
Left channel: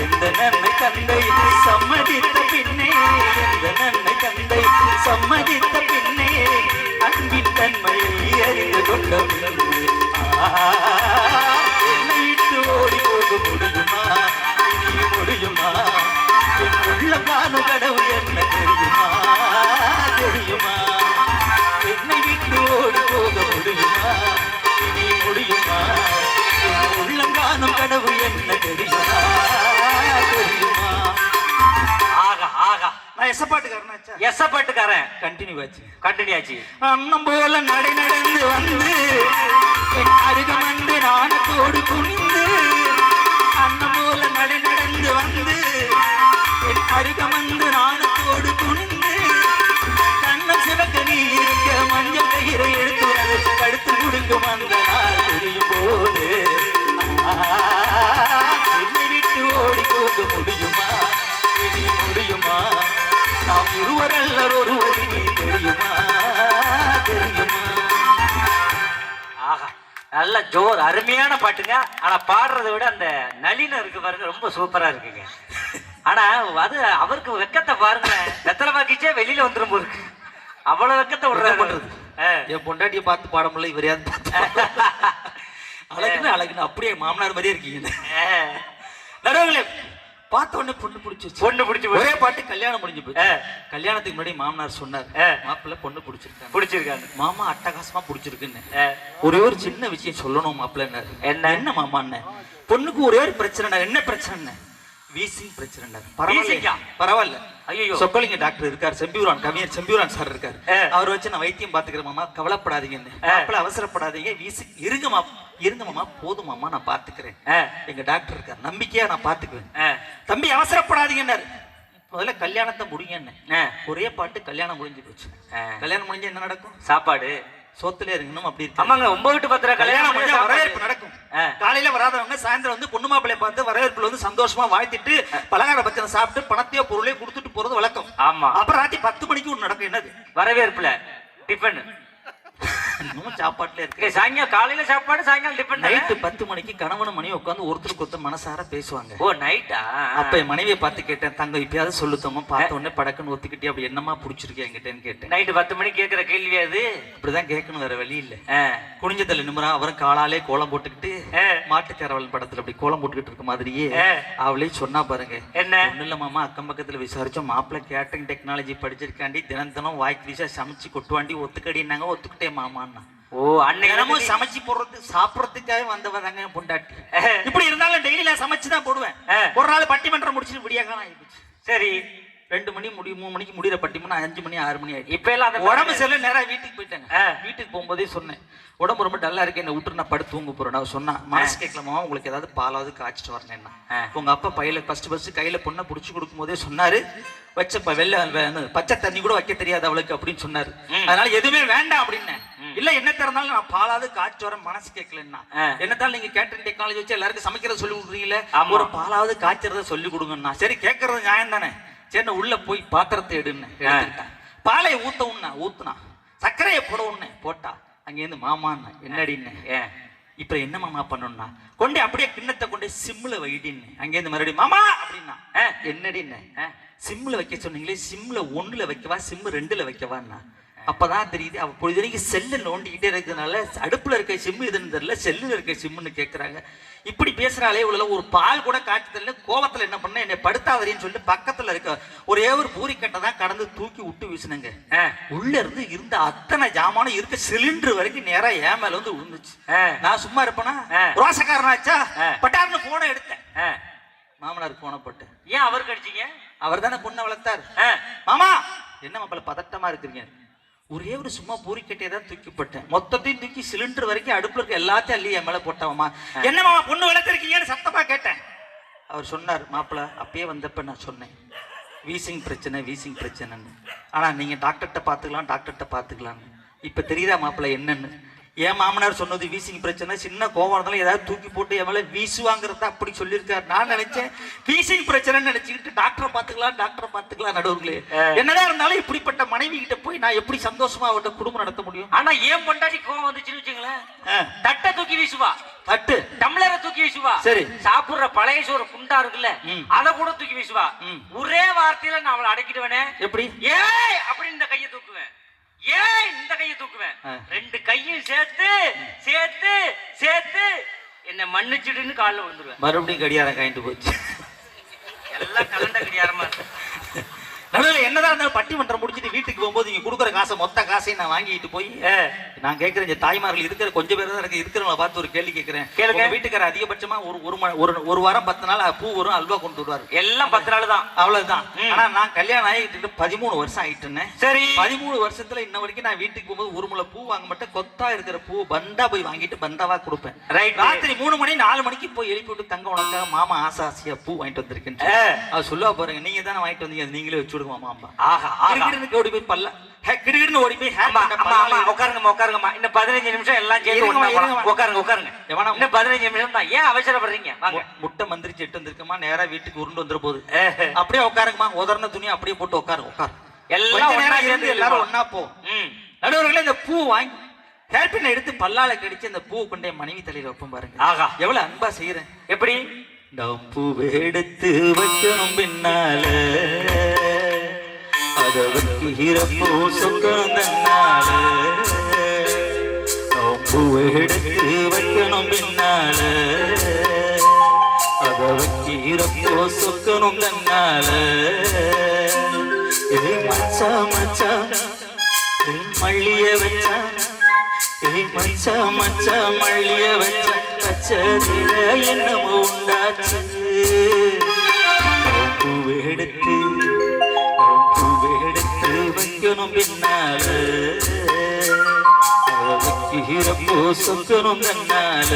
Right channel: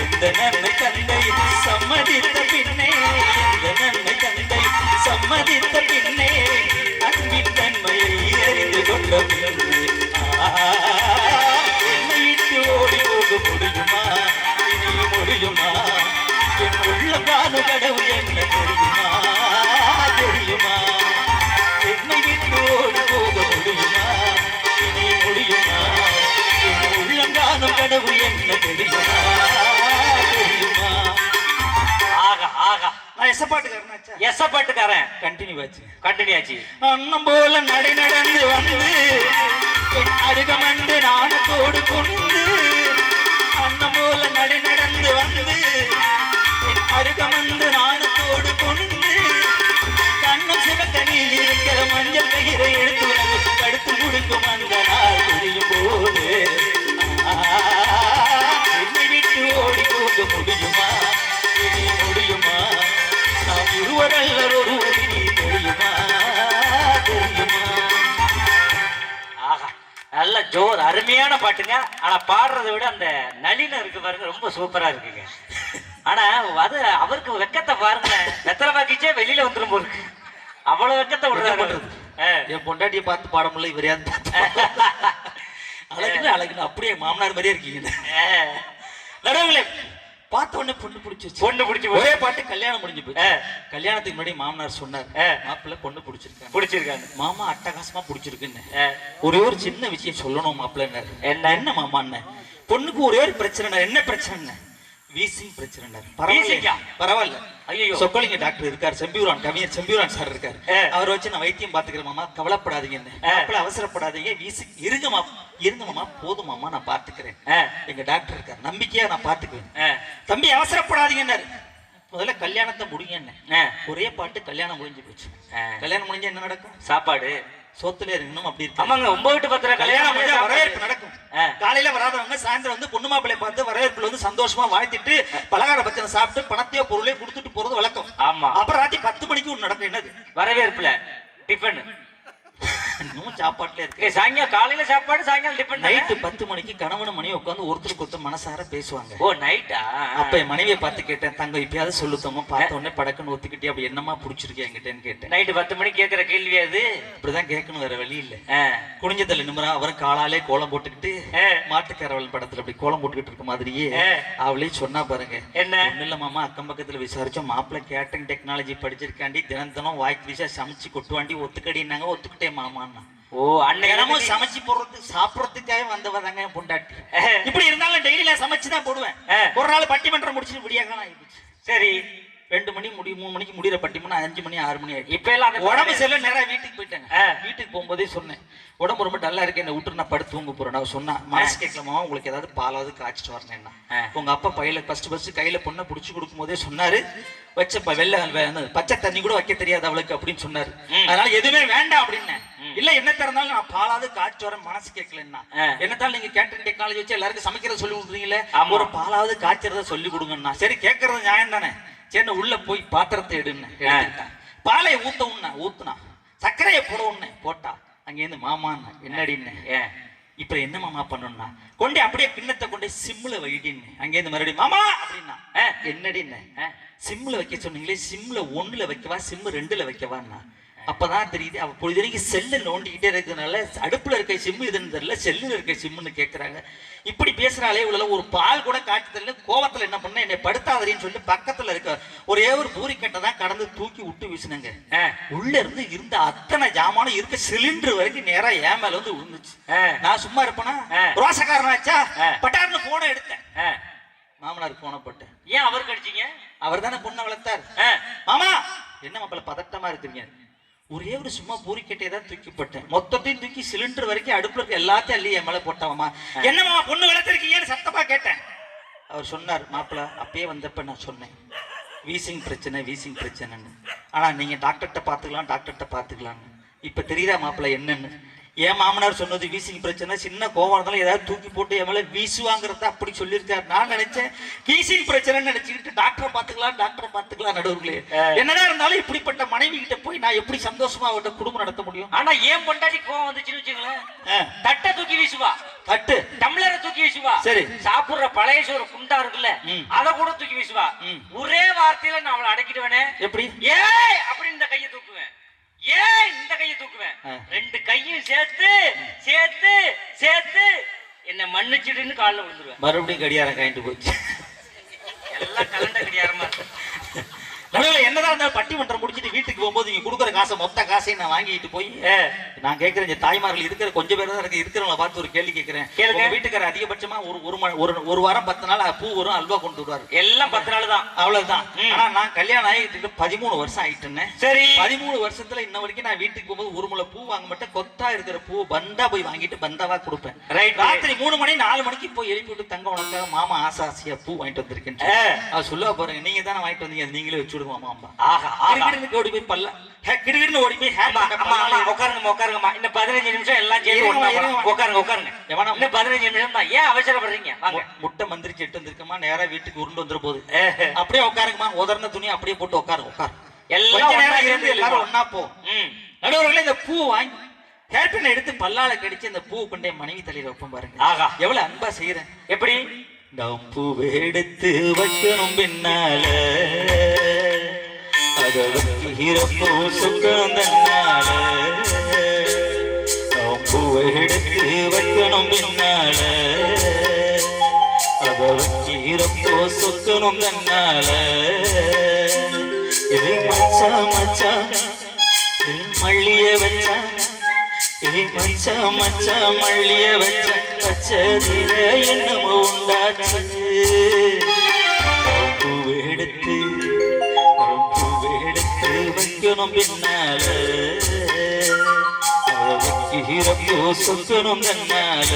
எந்த நன்மை தந்தை சம்மதித்த பின்னே எந்த நன்மை தந்தை சம்மதித்த பின்னே அன்பின் தன்மையை அறிந்து கொண்ட பின்னே என்னை விட்டு ஓடி போக முடியுமா? இனி முடியுமா? என் உள்ள காண கடவுள் என்ன தெரியுமா? தெரியுமா? என்னை விட்டு ஓடி போக முடியுமா? இனி முடியுமா? என் உள்ளம் காணும் கடவுள் என்ன தெரியுமா? தெரியுமா? ஆகா ஆகா. நான் எசப்பாட்டுக்காரன். எசப்பாட்டுக்காரன். கண்டினியூ ஆச்சு. அண்ணம் போல நடை நடந்து வந்து என் அருகமண்டு நாணத்தோடு குனிந்து அண்ணம் போல நடை நடந்து வந்து என் அருகமண்டு நாணத்தோடு குனிந்து கண்ணம் சிவக்க நீ இருக்கிற மஞ்சள் கயிறை எடுத்து கடுத்து முடிக்கும் அந்த நாள் தெரியும் போது என்னை விட்டு ஓடி போக முடியுமா? இனி முடியுமா? நாம் இருவரல்ல ஒருவர் நீ தெரியுமா? தெரியுமா? ஆஹா, நல்ல ஜோர், அருமையான பாட்டுங்க. ஆனா பாடுறதை விட அந்த நளினம் இருக்கு பாருங்க, ரொம்ப சூப்பரா இருக்குங்க. ஆனா அது அவருக்கு வெக்கத்தை பாருங்க, வெத்தலை பாக்கிச்சே வெளியில வந்துடும் போருக்கு. அவ்வளவு வெக்கத்தை விடுறாரு. என் பொண்டாட்டியை பார்த்து பாட முடியல, இவரையா அழகுன்னு அப்படியே மாமனார் மாதிரியே இருக்கீங்க. நடுவுல பார்த்த உடனே பொண்ணு பிடிச்சிருச்சு. பொண்ணு பிடிச்சி ஒரே பாட்டு கல்யாணம் முடிஞ்சு போச்சு. கல்யாணத்துக்கு முன்னாடி மாமனார் சொன்னார், மாப்பிள்ளை பொண்ணு பிடிச்சிருக்காங்க மாமா, அட்டகாசமா பிடிச்சிருக்குன்னு. ஒரே ஒரு சின்ன விஷயம் சொல்லணும் மாப்பிள்ளை. என்ன மாமான்னு? பொண்ணுக்கு ஒரே ஒரு பிரச்சனை. என்ன பிரச்சனை? வீசிங் பிரச்சனை. பரவாயில்ல. ஐயோ, சொக்கலிங்க டாக்டர் இருக்காரு, செம்பியூரான் கவிஞர் செம்பியூரான் சார் இருக்காரு, அவர் வச்சு நான் வைத்தியம் பாத்துக்கிறேன் மாமா, கவலைப்படாதீங்க, அவசரப்படாதீங்க, வீசி இருங்க மாமா, போதும் மாமா, நான் பாத்துக்கிறேன். எங்க டாக்டர் இருக்காரு, நம்பிக்கையா நான் பாத்துக்குவேன், தம்பி அவசரப்படாதீங்கன்னாரு. முதல்ல கல்யாணத்தை முடிங்க. ஒரே பாட்டு கல்யாணம் முடிஞ்சு போச்சு. கல்யாணம் முடிஞ்சா என்ன நடக்கும்? சாப்பாடு சோத்துல இருக்கணும். அப்படி ஆமாங்க, 9-10 கல்யாணம் வரவேற்பு நடக்கும். காலையில வராதவங்க சாயந்தரம் வந்து பொண்ணு மாப்பிள்ளைய பார்த்து வரவேற்புல வந்து சந்தோஷமா வாழ்த்திட்டு பலகார பச்சனை சாப்பிட்டு பணத்தையோ பொருளையோ கொடுத்துட்டு போறது வழக்கம். ஆமா. அப்புறம் ராத்திரி 10 மணிக்கு ஒண்ணு நடக்கும். என்னது? வரவேற்புல டிஃபன். சாப்பாட்டுல இருக்கு. சாயங்காலம் காலையில சாப்பாடு, சாயங்காலம் டிஃபன். நைட்டு 10 மணிக்கு கணவன் மனைவி உட்காந்து ஒருத்தருக்கு ஒருத்தர் மனசார பேசுவாங்க. ஓ, நைட்டா? அப்ப என் மனைவியை பார்த்து கேட்டேன், தங்க இப்பயாவது சொல்லுத்தோமா, பார்த்த உடனே படக்குன்னு ஒத்துக்கிட்டே அப்படி என்னமா பிடிச்சிருக்கேன் என்கிட்டன்னு கேட்டேன். நைட்டு 10 மணிக்கு கேட்கிற கேள்வி அது. இப்படிதான் கேட்கணும், வேற வழி இல்ல. குனிஞ்சதில் நிமிரா அவரும் காலாலே கோலம் போட்டுக்கிட்டு மாட்டுக்கரவல் படத்துல அப்படி கோலம் போட்டுக்கிட்டு இருக்க மாதிரியே அவளே சொன்னா பாருங்க. என்ன? ஒண்ணு இல்ல மாமா, அக்கம் பக்கத்துல விசாரிச்சோம், மாப்பிள்ள கேட்டரிங் டெக்னாலஜி படிச்சிருக்காண்டி தினம் வாய்க்கு வீசா சமைச்சு கொட்டுவாண்டி ஒத்துக்கடினாங்க. ஒத்துக்கிட்டே மாமா. ஓ, அன்னைக்கு சமைச்சு போடுறது சாப்பிடறதுக்காக வந்தவதாங்க பொண்டாட்டி. இப்படி இருந்தாலும் டெய்லி நான் சமைச்சுதான் போடுவேன். ஒரு நாள் பட்டிமன்றம் முடிச்சுட்டு விடியாக்கான ஆயிடுச்சு. சரி, 2 மணி 3 மணிக்கு முடிகிற பட்டிமன்றம் 5 மணி 6 மணி ஆயிடுச்சு. இப்ப எல்லாம் உடம்பு செல்ல நேரம் வீட்டுக்கு போயிட்டாங்க. வீட்டுக்கு போகும்போதே சொன்னேன், உடம்பு ரொம்ப டல்லா இருக்கு, என்ன விட்டு நான் படுத்து தூங்க போறேன். நான் சொன்னா, மனசு கேட்கலாமா, உங்களுக்கு ஏதாவது பாலாவது காய்ச்சிட்டு வரேன்னா. உங்க அப்பா பையில ஃபர்ஸ்ட் கையில பொண்ணை புடிச்சு கொடுக்கும் போதே சொன்னாரு, வச்ச பச்சை தண்ணி கூட வைக்க தெரியாது அவளுக்கு அப்படின்னு சொன்னாரு. அதனால எதுவுமே வேண்டாம் அப்படின்னு. இல்ல என்ன திறந்தாலும் நான் பாலாவது காய்ச்சி வரேன், மனசு கேட்கலன்னா. என்னத்தாலும் நீங்க கேட்டரிங் டெக்னாலஜி வச்சு எல்லாருக்கும் சமைக்கிறத சொல்லி கொடுக்குறீங்களே, ஒரு பாலாவது காய்ச்சறத சொல்லி கொடுங்கன்னா. சரி, கேட்கறது நியாயம் தானே. சரி, உள்ள போய் பாத்திரத்தை எடுன்னு பாலை ஊத்துனா சர்க்கரையை போட போட்டா அங்கேருந்து மாமான்னு என்னடின்னு. இப்ப என்ன மாமா பண்ணணும்னா, கொண்டு அப்படியே கிண்ணத்தை கொண்டு சிம்ல வைடின்னு. அங்கேருந்து மறுபடியும் மாமா அப்படின்னா என்னடின்னு. சிம்ல வைக்க சொன்னீங்களே, சிம்ல 1ல வைக்கவா, சிம் 2ல வைக்கவான்னா. அப்பதான் தெரியுது அவ பொழுது வரைக்கும் செல்ல நோண்டிக்கிட்டே இருக்கிறதுனால அடுப்புல இருக்க சிம்மு இதுன்னு தெரியல, செல்லுல இருக்க சிம்முன்னு கேட்கறாங்க. இப்படி பேசுறாளே, இவ்வளவு ஒரு பால் கூட காட்சி தெரியல. கோவத்துல என்ன பண்ண, என்னை படுத்தாவரின்னு சொல்லிட்டு பக்கத்துல இருக்க ஒரே ஒரு பூரிக்கட்டை தான் கடந்து தூக்கி விட்டு வீசினுங்க. உள்ள இருந்து இருந்த அத்தனை ஜாமானும் இருக்க சிலிண்டர் வரைக்கும் நேரா ஏன் மேல வந்து விழுந்துச்சு. நான் சும்மா இருப்பேனா? ரோசக்காரனாச்சா? பட்டார்னு போன எடுத்தேன். மாமனார் போன போட்டு. ஏன் அவருக்கு அடிச்சீங்க? அவர் தானே பொண்ணை வளர்த்தார். மாமா என்ன மாப்பிள்ள பதட்டமா இருக்கிறீங்க? ஒரே ஒரு சும்மா பூரிக்கட்டையை தான் தூக்கிப்பட்டேன். மொத்தத்தையும் தூக்கி சிலிண்டர் வரைக்கும் அடுப்புல இருக்க எல்லாத்தையும் அள்ளி என் மேல போட்டவமா. என்ன மாமா பொண்ணு வளர்த்திருக்கீங்கன்னு சத்தமா கேட்டேன். அவர் சொன்னார், மாப்பிள்ள அப்பயே வந்தப்ப நான் சொன்னேன், வீசிங் பிரச்சனைன்னு. ஆனா நீங்க டாக்டர்கிட்ட பாத்துக்கலாம். இப்ப தெரியுதா மாப்பிள்ள என்னன்னு? என் மாமனார் சொன்னது வீசிங் பிரச்சனை, சின்ன கோவம் ஏதாவது தூக்கி போட்டு என் மேல வீசுவாங்கிறத அப்படி சொல்லியிருக்காரு. நான் நினைச்சேன் வீசிங் பிரச்சனை நினைச்சுக்கிட்டு டாக்டரை பாத்துக்கலாம் நடுவுங்களே. என்னதான் இருந்தாலும் இப்படிப்பட்ட மனைவி கிட்ட போய் நான் எப்படி சந்தோஷமா அவட்ட குடும்பம் நடத்த முடியும்? ஆனா ஏன் பொண்டாட்டி கோவம் வந்துச்சுன்னு வச்சுங்களேன், தட்டை தூக்கி வீசுவா, தட்டு டம்ளரை தூக்கி வீசுவா. சரி, சாப்பிடுற பழைய சோறு குண்டா இருக்குல்ல, அதை கூட தூக்கி வீசுவா. ஒரே வார்த்தையில நான் அவளை அடக்கிடுவேனே. எப்படி? ஏய் அப்படின்னு இந்த கையை தூக்குவேன், ஏன் இந்த கையை தூக்குவேன், 2 கையும் சேர்த்து என்ன மன்னிச்சுடுன்னு காலில் விழுந்துருவேன். மறுபடியும் கடியாரம் கைண்டு போச்சு. எல்லாம் கலண்ட கடியாரமா. நடுவில் என்னதான் இருந்தாலும் பட்டிமன்றம் முடிச்சுட்டு வீட்டுக்கு போகும்போது நீங்க கொடுக்குற காசை மொத்த காசையும் நான் வாங்கிட்டு போய் நான் கேட்கிறேன், தாய்மார்கள் இருக்கிற கொஞ்சம் பேர் தான் இருக்கு, இருக்கிறவங்களை பார்த்து ஒரு கேள்வி கேட்கிறேன். கேளுங்க. வீட்டுக்கார அதிகபட்சமா ஒரு வாரம் 10 நாள் பூ வரும், அல்வா கொண்டு வருவாரு. எல்லாம் 10 நாள் தான், அவ்வளவுதான். ஆனா நான் கல்யாணம் ஆகிட்டு 13 வருஷம் ஆயிட்டுன்னு. சரி, 13 வருஷத்துல இன்ன வரைக்கும் நான் வீட்டுக்கு போகும்போது ஒரு முளை பூ வாங்க மாட்டேன். கொத்தா இருக்கிற பூ பந்தா போய் வாங்கிட்டு பந்தாவா கொடுப்பேன். ராத்திரி 3 மணி 4 மணிக்கு போய் எழுப்பி விட்டு, தங்க உனக்காக மாமா ஆசையா பூ வாங்கிட்டு வந்திருக்கேன். அது சொல்லுவா பாருங்க, நீங்க தானே வாங்கிட்டு வந்தீங்க, நீங்களே வச்சு உட்காருங்கம்மா. இந்த 15 நிமிஷம் எல்லாம் உட்காருங்க. இன்னும் 15 நிமிஷம் தான், ஏன் அவசரப்படுறீங்க? முட்டை மந்திரிச்சு எட்டு வந்திருக்கமா, நேரா வீட்டுக்கு உருண்டு வந்துட போகுது. அப்படியே உட்காருங்கம்மா, உதர்ன துணி அப்படியே போட்டு உட்காரு. எல்லாரும் ஒன்னா போ. நடுவர்களே, இந்த பூ வாங்கி ஹேர்பின் எடுத்து பல்லால கடிச்சு அந்த பூ கொண்டே மனைவி தலையில வைப்போம் பாருங்க. ஆகா, எவ்வளவு அன்பா செய்யறேன். எப்படி? பூவை எடுத்து வைக்கணும் பின்னால, அத வைக்கிறப்போ சொந்தம் தன்னால. பூவை எடுத்து வைக்கணும் பின்னால, அத வச்சீரப்போ சொக்கணும் தன்னால மச்சா மச்சா மல்லிய வச்சா மச்சா மச்சா மல்லிய வச்சா பச்சதில என்னமோ உண்டாச்சு பூவெடுத்து வைக்கணும் பின்னால வச்சீரப்போ சொக்கணும் தன்னால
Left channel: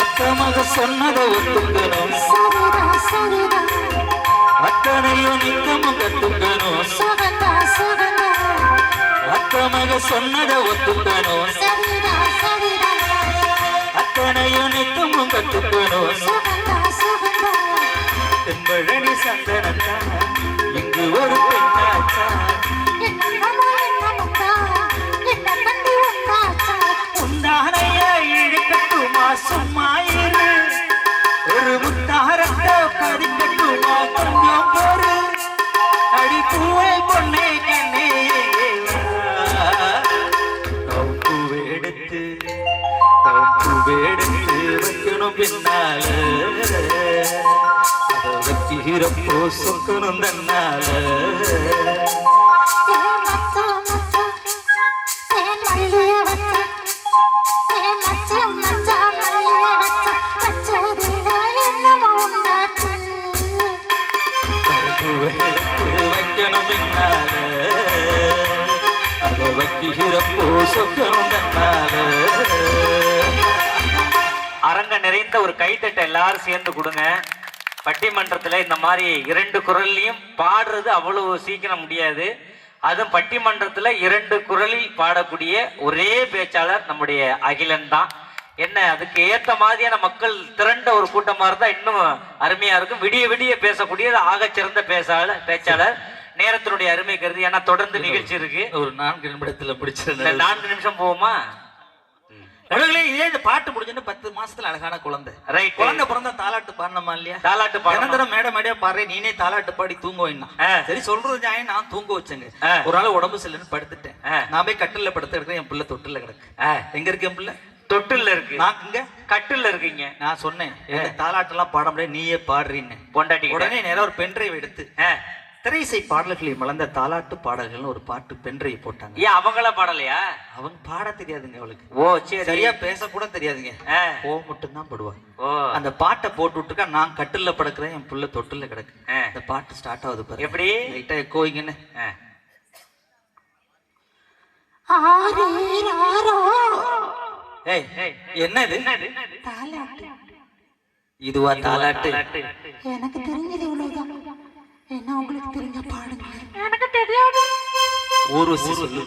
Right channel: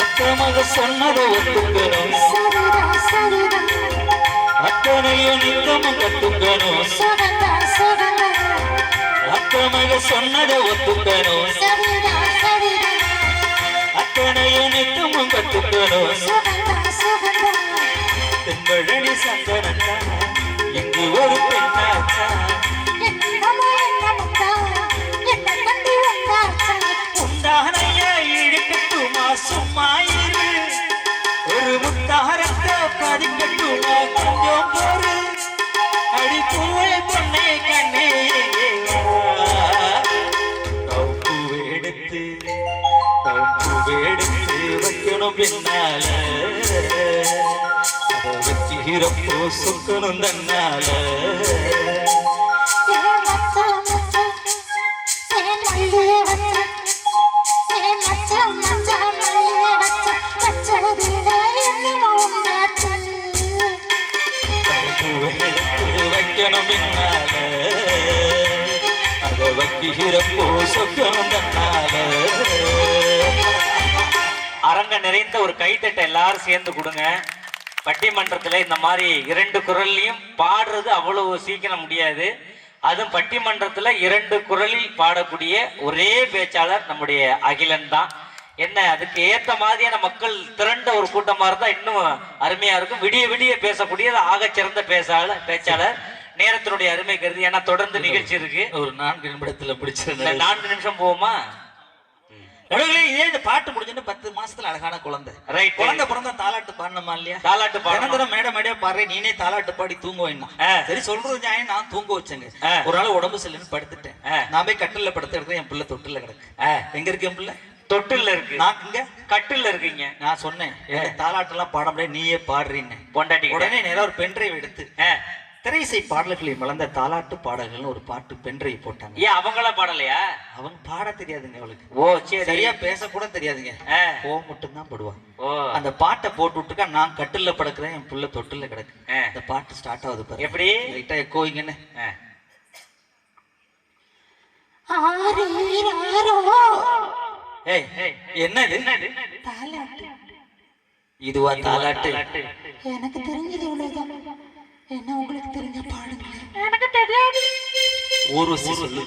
அக்கமாக சொன்னதை ஒத்துக்கணும் அத்தனையும் நித்தமும் கத்துக்கணும் அக்கமாக சொன்னதை ஒத்துக்கணும் அத்தனையும் நித்தமும் கத்துக்கணும் தென்பழனி சந்தனன் இங்கு ஒரு பெண்ணாச்சா உண்டானைய இழுக்கட்டுமா சும்மாயிரு ஒரு முத்தாரத்தை பதிக்கட்டுமா கொஞ்சம் போரு அடிப்பூவே பொண்ணே கண்ணே பூவெடுத்து வைக்கணும் பின்னால அதை வச்சிரப்போ சொக்கணும் தன்னால வைக்கணும் பின்னால அதை வச்சிரப்போ சொக்கணும் தன்னால அரங்க நிறைந்த ஒரு கைத்தட்டை எல்லாரும் சேர்ந்து கொடுங்க. பட்டிமன்றத்துல இந்த மாதிரி 2 குரல்லையும் பாடுறது அவ்வளவு சீக்கிரம் முடியாது. அதுவும் பட்டிமன்றத்துல 2 குரலில் பாடக்கூடிய ஒரே பேச்சாளர் நம்முடைய அகிலன் தான். என்ன அதுக்கு ஏத்த மாதிரியான மக்கள் திரண்ட ஒரு கூட்டமா இருந்தா இன்னும் அருமையா இருக்கும். விடிய விடிய பேசக்கூடிய ஆகச்சிறந்த பேச்சாளர். நேரத்தினுடைய அருமை கருதி ஏன்னா தொடர்ந்து நிகழ்ச்சி இருக்கு. ஒரு 4 நிமிடத்துல பிடிச்சிருந்த 4 நிமிஷம் போவோமா? இதே இந்த பாட்டு முடிஞ்சு 10 மாசத்துல அழகான குழந்தை. ரைட். குழந்தை பிறந்தா தாலாட்டு பாடணுமா இல்லையா? தாலாட்டு பாடணும். மேடையா பாடுறேன் நீனே தாலாட்டு பாடி தூங்குவேன்னா சரி சொல்றது நியாயம். நான் தூங்க வச்சேங்க. ஒரு நாள் உடம்பு சரியில்லைன்னு படுத்துட்டேன். நான் போய் கட்டில படுத்து எடுத்து என் பிள்ளை தொட்டில கிடக்கு. எங்க இருக்கு என் பிள்ளை? தொட்டில இருக்கு. நான் இங்க கட்டில இருக்கீங்க. நான் சொன்னேன் தாலாட்டு எல்லாம் பாட முடியாது நீயே பாடுறீன்னு. பொண்டாட்டி உடனே நேரம் ஒரு பென்ட்ரைவ் எடுத்து திரைசை பாடல்களில் மலர்ந்த தாலாட்டு பாடல்கள் ஒரு பாட்டு பென்ட்ரைவ் போட்டாங்க. ஏன் அவங்கள பாடலையா? அவங்க பாட தெரியாதுங்க அவளுக்கு. ஓ சரி. சரியா பேச கூட தெரியாதுங்க. ஓ மட்டும் தான் படுவாங்க. ஓ அந்த பாட்டை போட்டு விட்டுக்கா நான் கட்டில படுக்கிறேன் என் புள்ள தொட்டில கிடக்கு. அந்த பாட்டு ஸ்டார்ட் ஆகுது பாரு. எப்படி லைட்டா எக்கோயிங்கன்னு. ஏய் என்னது? இதுவா தாலாட்டு? எனக்கு தெரிஞ்சது இவ்வளவுதான். என்ன உங்களுக்கு தெரிஞ்ச பாடுங்க. எனக்கு தெரியாது. ஊரு சொல்லு.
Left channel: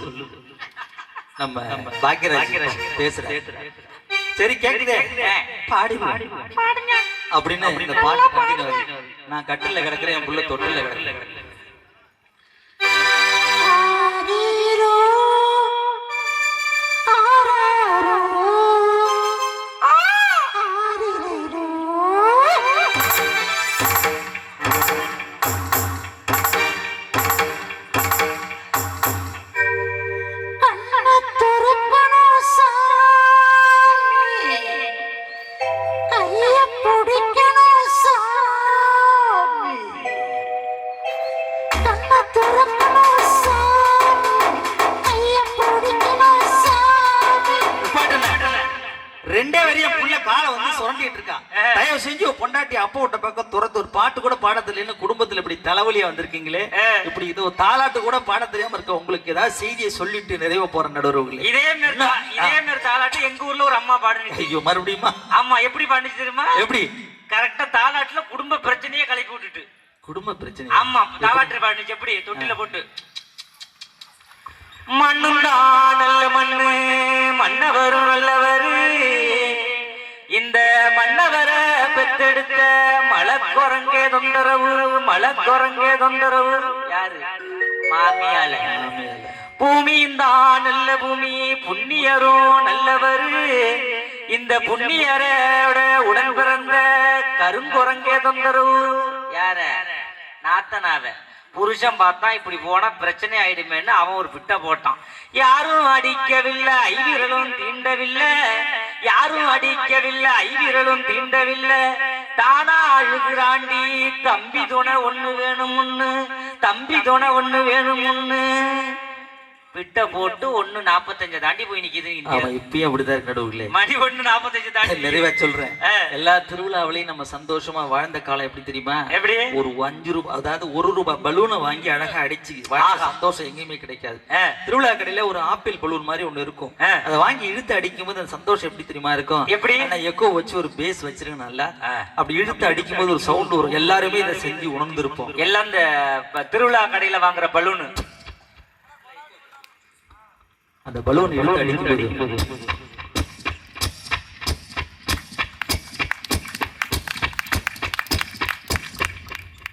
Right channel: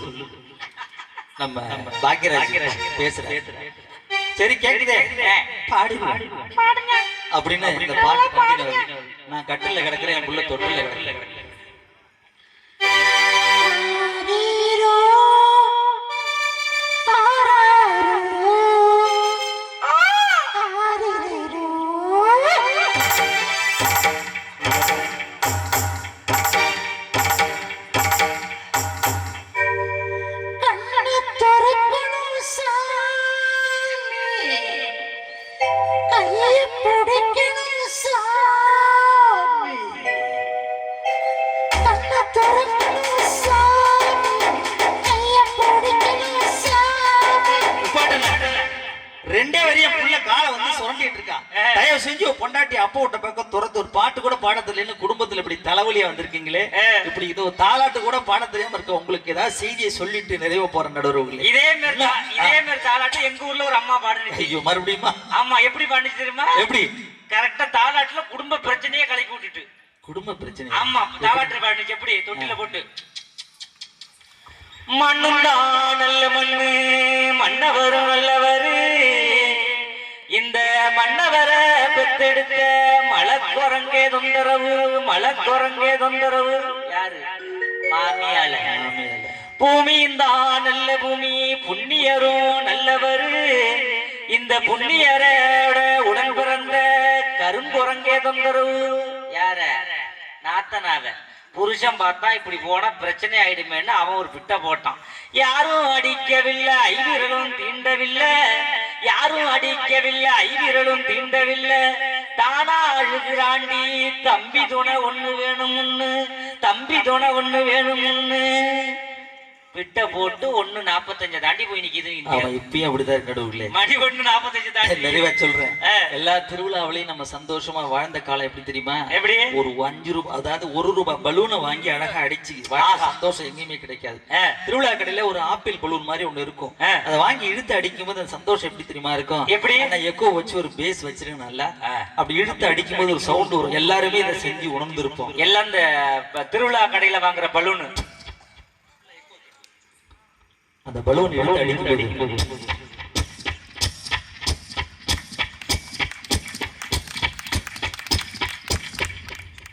நம்ம பாக்கியராஜ் பேசுறேன். சரி கேக்குதே பாடி பாடுங்க அப்படின்னு இந்த பாட்டு பாடினவர். நான் கட்டில கிடக்குறேன் என் புள்ள தொட்டில கிடக்குறேன். ரெண்டே வரையும் புள்ள காலை வந்து சுரண்டிட்டு இருக்கான். தயவு செஞ்சு பொண்டாட்டி அப்பா விட்ட பக்கம் துரத்து. ஒரு பாட்டு கூட பாட தெரியல. குடும்பத்துல இப்படி தலைவலியா வந்திருக்கீங்களே. இப்படி இது ஒரு தாலாட்டு கூட பாட தெரியாம இருக்க உங்களுக்கு ஏதாவது செய்தியை சொல்லிட்டு நிறைய போற நடுவர்களே. இதே மாதிரி தாலாட்டு எங்க ஊர்ல ஒரு அம்மா பாடுச்சு. ஐயோ மறுபடியுமா? ஆமா எப்படி பாடுச்சு தெரியுமா? எப்படி? கரெக்டா தாலாட்டுல குடும்ப பிரச்சனையே கலக்கி விட்டுட்டு. குடும்ப பிரச்சனை? ஆமா தாலாட்டு பாடுச்சு. எப்படி? தொட்டில போட்டு மண்ணுந்தான் நல்ல மண்ணு மன்னவரும் நல்லவரு இந்த மன்னவரை பெத்தெடுத்த மலக்குரங்கே தொந்தரவு யாரு மாமியால பூமியும் தான் நல்ல பூமி புண்ணியரும் நல்லவரு இந்த புண்ணியரோட உடன் பிறந்த கருங்குரங்கே தொந்தரவு யார நாத்தனாவ புருஷன் பார்த்தா இப்படி போனா பிரச்சனை ஆயிடுமேன்னு அவன் ஒரு பிட்ட போட்டான். யாரும் அடிக்கவில்லை ஐவிரலும் தீண்டவில்லை, யாரும் அடிக்கவில்லை ஐவிரலும் தீண்டவில்லை, தானா அழுகிறாண்டி தம்பி துணை ஒண்ணு வேணும்னு, தம்பி துணை ஒண்ணு வேணும்னு பிட்ட போட்டு 1:45 தாண்டி போய் நிக்குது. இப்பயும் அப்படிதான் கடவுளே, மணி 1:45 தாண்டி. நிறைவா சொல்றேன், எல்லா திருவிழாவிலையும் நம்ம சந்தோஷமா வாழ்ந்த காலம் எப்படி தெரியுமா? எப்படி? ஒரு 5 ரூபாய், அதாவது 1 ரூபாய் பலூனை வாங்கி அழகா அடிச்சு சந்தோஷம் எங்கேயுமே கிடைக்காது. திருவிழா கடையில ஒரு ஆப்பிள் பலூன் மாதிரி ஒண்ணு இருக்கும், அதை வாங்கி இழுத்து அடிக்கும் போது அந்த சந்தோஷம் எப்படி தெரியுமா இருக்கும்? எப்படி? எக்கோ வச்சு ஒரு பேஸ் வச்சிருக்கேன் நல்லா, அப்படி இழுத்து அடிக்கும் போது ஒரு சவுண்ட் வரும். எல்லாருமே இதை செஞ்சு உணர்ந்து இருப்போம். எல்லாம் இந்த திருவிழா கடையில வாங்குற பலூனு, அந்த பலூன் இழுத்து அடிக்கும்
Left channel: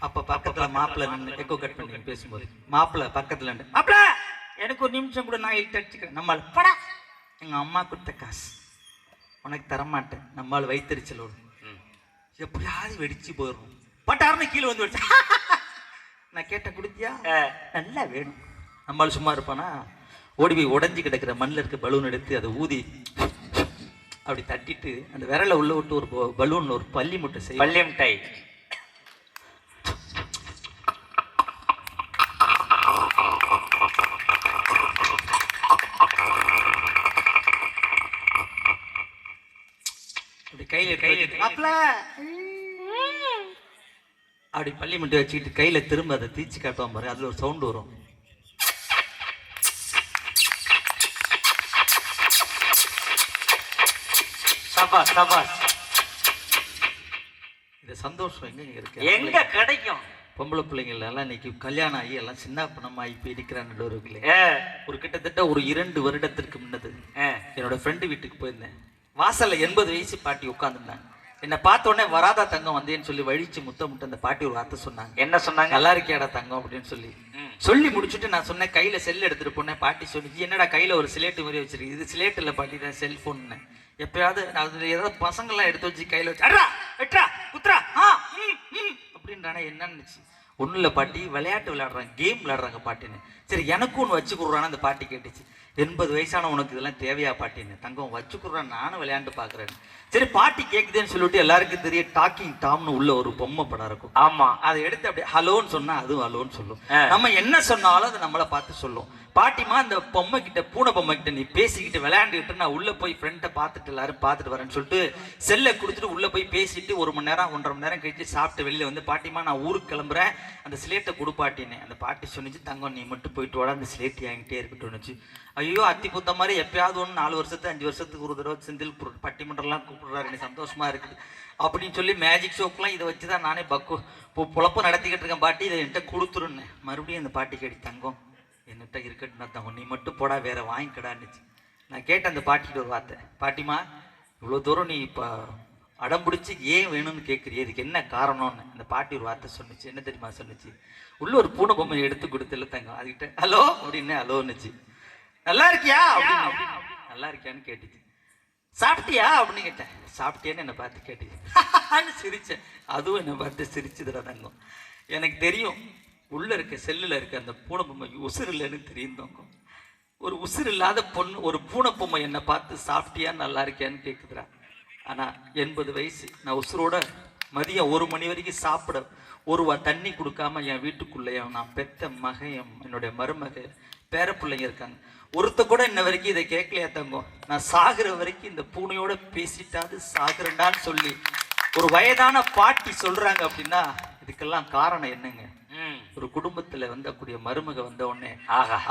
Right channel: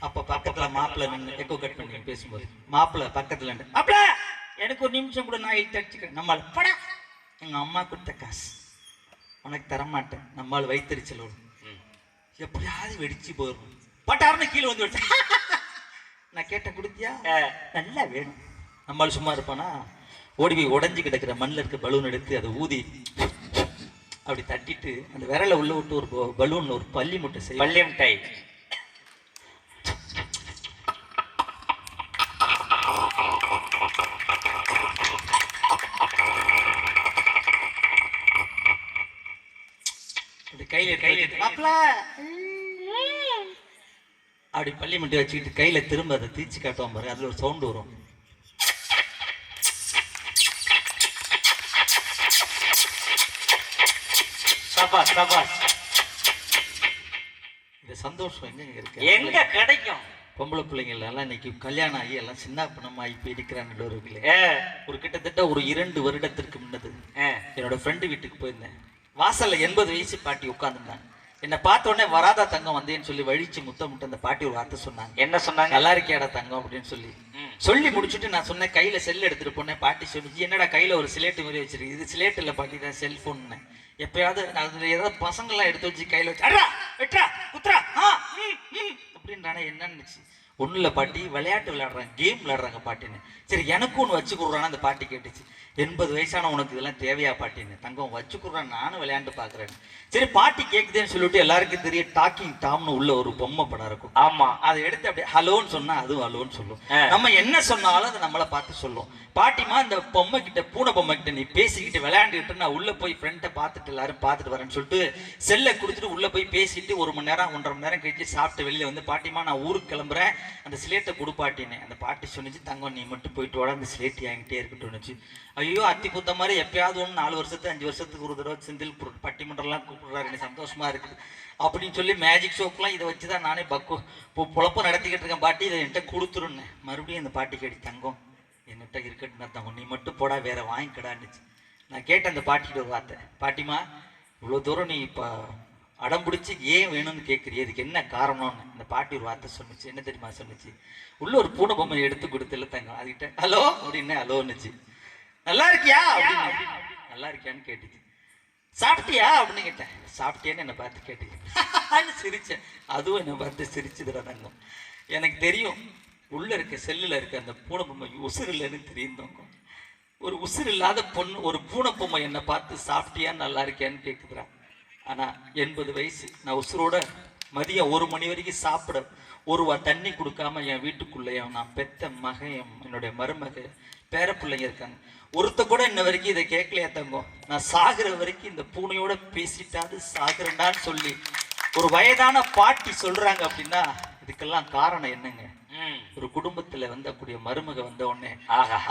அப்ப பக்கத்துல மாப்பிள்ள நின்று எக்கோ கட் பண்ணி பேசும்போது மாப்பிள்ள பக்கத்துல மாப்பிள்ள எனக்கு ஒரு நிமிஷம் கூட நான் இழுத்து அடிச்சுக்கிறேன். நம்மால் படா எங்க அம்மா கொடுத்த காசு உனக்கு தரமாட்டேன், நம்மால் வைத்தறிச்சல் வரும், எப்படியாவது வெடிச்சு போயிடும். பட்டாருன்னு கீழே வந்து விட்டேன். நான் கேட்ட கொடுத்தியா? நல்லா வேணும். நம்மால் சும்மா இருப்பானா? ஓடி போய் உடஞ்சி கிடக்கிற மண்ணில் இருக்க பலூன் எடுத்து அதை ஊதி அப்படி தட்டிட்டு அந்த விரலை உள்ள விட்டு ஒரு பலூன்ல ஒரு பள்ளி முட்டை செய்யும். பள்ளி மிட்டாய் கையில அப்படி பள்ளி முட்டை வச்சுக்கிட்டு கையில திரும்ப அதை தீச்சு காட்டுவான் பாரு, அதுல ஒரு சவுண்ட் வரும். இந்த சந்தோஷம் எங்க இருக்கு? எங்க கிடைக்கும்? பொம்பளை பிள்ளைங்கள் எல்லாம் இன்னைக்கு கல்யாணம் ஆகி எல்லாம் சின்ன பணமாகி போய் இருக்கிறான்னு ஒரு கிட்டத்தட்ட ஒரு 2 வருடத்திற்கு முன்னது என்னோட ஃப்ரெண்டு வீட்டுக்கு போயிருந்தேன். வாசல்ல 80 வயசு பாட்டி உட்காந்துருந்தாங்க. என்னை பார்த்த உடனே வராதா தங்கம் வந்தேன்னு சொல்லி வழிச்சு முத்த அந்த பாட்டி ஒரு வார்த்தை சொன்னாங்க. என்ன சொன்னாங்க? நல்லா இருக்கியாடா தங்கம் அப்படின்னு சொல்லி முடிச்சுட்டு நான் சொன்னேன் கையில செல் எடுத்துட்டு போனேன். பாட்டி சொல்லி என்னடா கையில ஒரு சிலேட்டு மாதிரி வச்சிருக்கு? இது சிலேட் இல்ல பாட்டி, தான் செல்போன். எப்பயாவது அதுல ஏதாவது பசங்கள்லாம் எடுத்து வச்சு கையில வச்சு அப்படின்றானே என்னன்னு ஒன்றும் இல்லை பாட்டி, விளையாட்டு விளையாடுறாங்க, கேம் விளையாடுறாங்க பாட்டின்னு. சரி எனக்கும் ஒன்று வச்சு கொடுறான்னு அந்த பாட்டி கேட்டுச்சு. 80 வயசான உனக்கு இதெல்லாம் தேவையா பாட்டின்னு? தங்கம் வச்சு கொடுறான், நானும் விளையாண்டு பாக்குறேன். சரி பாட்டி கேக்குதுன்னு சொல்லிட்டு எல்லாருக்கும் தெரியும் டாக்கிங் டாம்னு உள்ள ஒரு பொம்மை படம் இருக்கும். ஆமா, அதை எடுத்து அப்படியே ஹலோன்னு சொன்னா அதுவும் ஹலோன்னு சொல்லும். நம்ம என்ன சொன்னாலும் அதை நம்மளை பார்த்து சொல்லும். பாட்டிமா இந்த பொம்மை கிட்ட, பூனை பொம்மை கிட்ட நீ பேசிக்கிட்டு விளையாண்டுக்கிட்டு நான் உள்ள போய் ஃப்ரெண்டை பார்த்துட்டு எல்லாரும் பார்த்துட்டு வரேன்னு சொல்லிட்டு செல்லை கொடுத்துட்டு உள்ள போய் பேசிட்டு 1 மணி நேரம் 1.5 மணி நேரம் கழிச்சு சாப்பிட்டு வெளியில வந்து பாட்டிமா நான் ஊருக்கு கிளம்புறேன், அந்த சிலேட்டை கொடுப்பாட்டின்னு. அந்த பாட்டி சொன்னிச்சு தங்கம் நீ மட்டும் போயிட்டு வாடா, அந்த சிலேட் என்கிட்டே இருக்கட்டும்னுச்சு. ஐயோ அத்தி புத்த மாதிரி எப்பயாவது ஒன்று 4 வருஷத்துக்கு 5 வருஷத்துக்கு ஒரு தடவை செந்தில் பட்டிமன்றம்லாம் கூப்பிடுறாரு, எனக்கு சந்தோஷமா இருக்குது அப்படின்னு சொல்லி மேஜிக் ஷோக்கெலாம் இதை வச்சு தான் நானே பொழப்பம் நடத்திக்கிட்டு இருக்கேன். பாட்டி இதை என்கிட்ட கொடுத்துருன்னு. மறுபடியும் அந்த பாட்டி கேட்டி தங்கம் என்னட்ட இருக்கட்டுன்னு தங்கம் நீ மட்டும் போடா வேற வாங்கிக்கடான்னுச்சு. நான் கேட்டேன் அந்த பாட்டிக்கிட்ட ஒரு வார்த்தை, பாட்டிமா இவ்வளோ தூரம் நீ இப்போ அடம் பிடிச்சி ஏன் வேணும்னு கேட்குறீ, இதுக்கு என்ன காரணம்னு. அந்த பாட்டி ஒரு வார்த்தை சொன்னிச்சு. என்ன தெரியுமா சொன்னிச்சு? உள்ள ஒரு பூனை பொம்மை எடுத்து கொடுத்துல தங்கம், அதுக்கிட்ட ஹலோ அப்படின்னு ஹலோன்னுச்சு. நல்லா இருக்கியா அப்படின்னு, நல்லா இருக்கியான்னு கேட்டுச்சு. சாப்பிட்டியா அப்படின்னு கேட்டேன். சாப்பிட்டியான்னு என்னை பார்த்து கேட்டுச்சு. சிரிச்சேன். அதுவும் என்னை பார்த்து சிரிச்சுதுடா தங்கம். எனக்கு தெரியும் உள்ள இருக்க செல்லுல இருக்க அந்த பூனை பொம்மை உசுறு இல்லைன்னு தெரியும் தங்கம். ஒரு உசுறு இல்லாத பொண்ணு ஒரு பூனை பொம்மை என்னை பார்த்து சாப்பிட்டியா நல்லா இருக்கியான்னு கேட்குதுடா. ஆனா 80 வயசு நான் உசுரோட மதியம் 1 மணி வரைக்கும் சாப்பிட ஒரு தண்ணி கொடுக்காம என் வீட்டுக்குள்ளேயே நான் பெத்த மகன் என்னுடைய மருமக பேர பிள்ளைங்க இருக்காங்க. ஒருத்த கூட இன்ன வரைக்கும் இதை கேட்கலையா தங்கம்? நான் சாகுற வரைக்கும் இந்த பூனையோட பேசிட்டாது சாகுறேன்டான்னு சொல்லி ஒரு வயதான பாட்டி சொல்றாங்க அப்படின்னா இதுக்கெல்லாம் காரணம் என்னங்க? ஒரு குடும்பத்துல வந்தக்கூடிய மருமக வந்த உடனே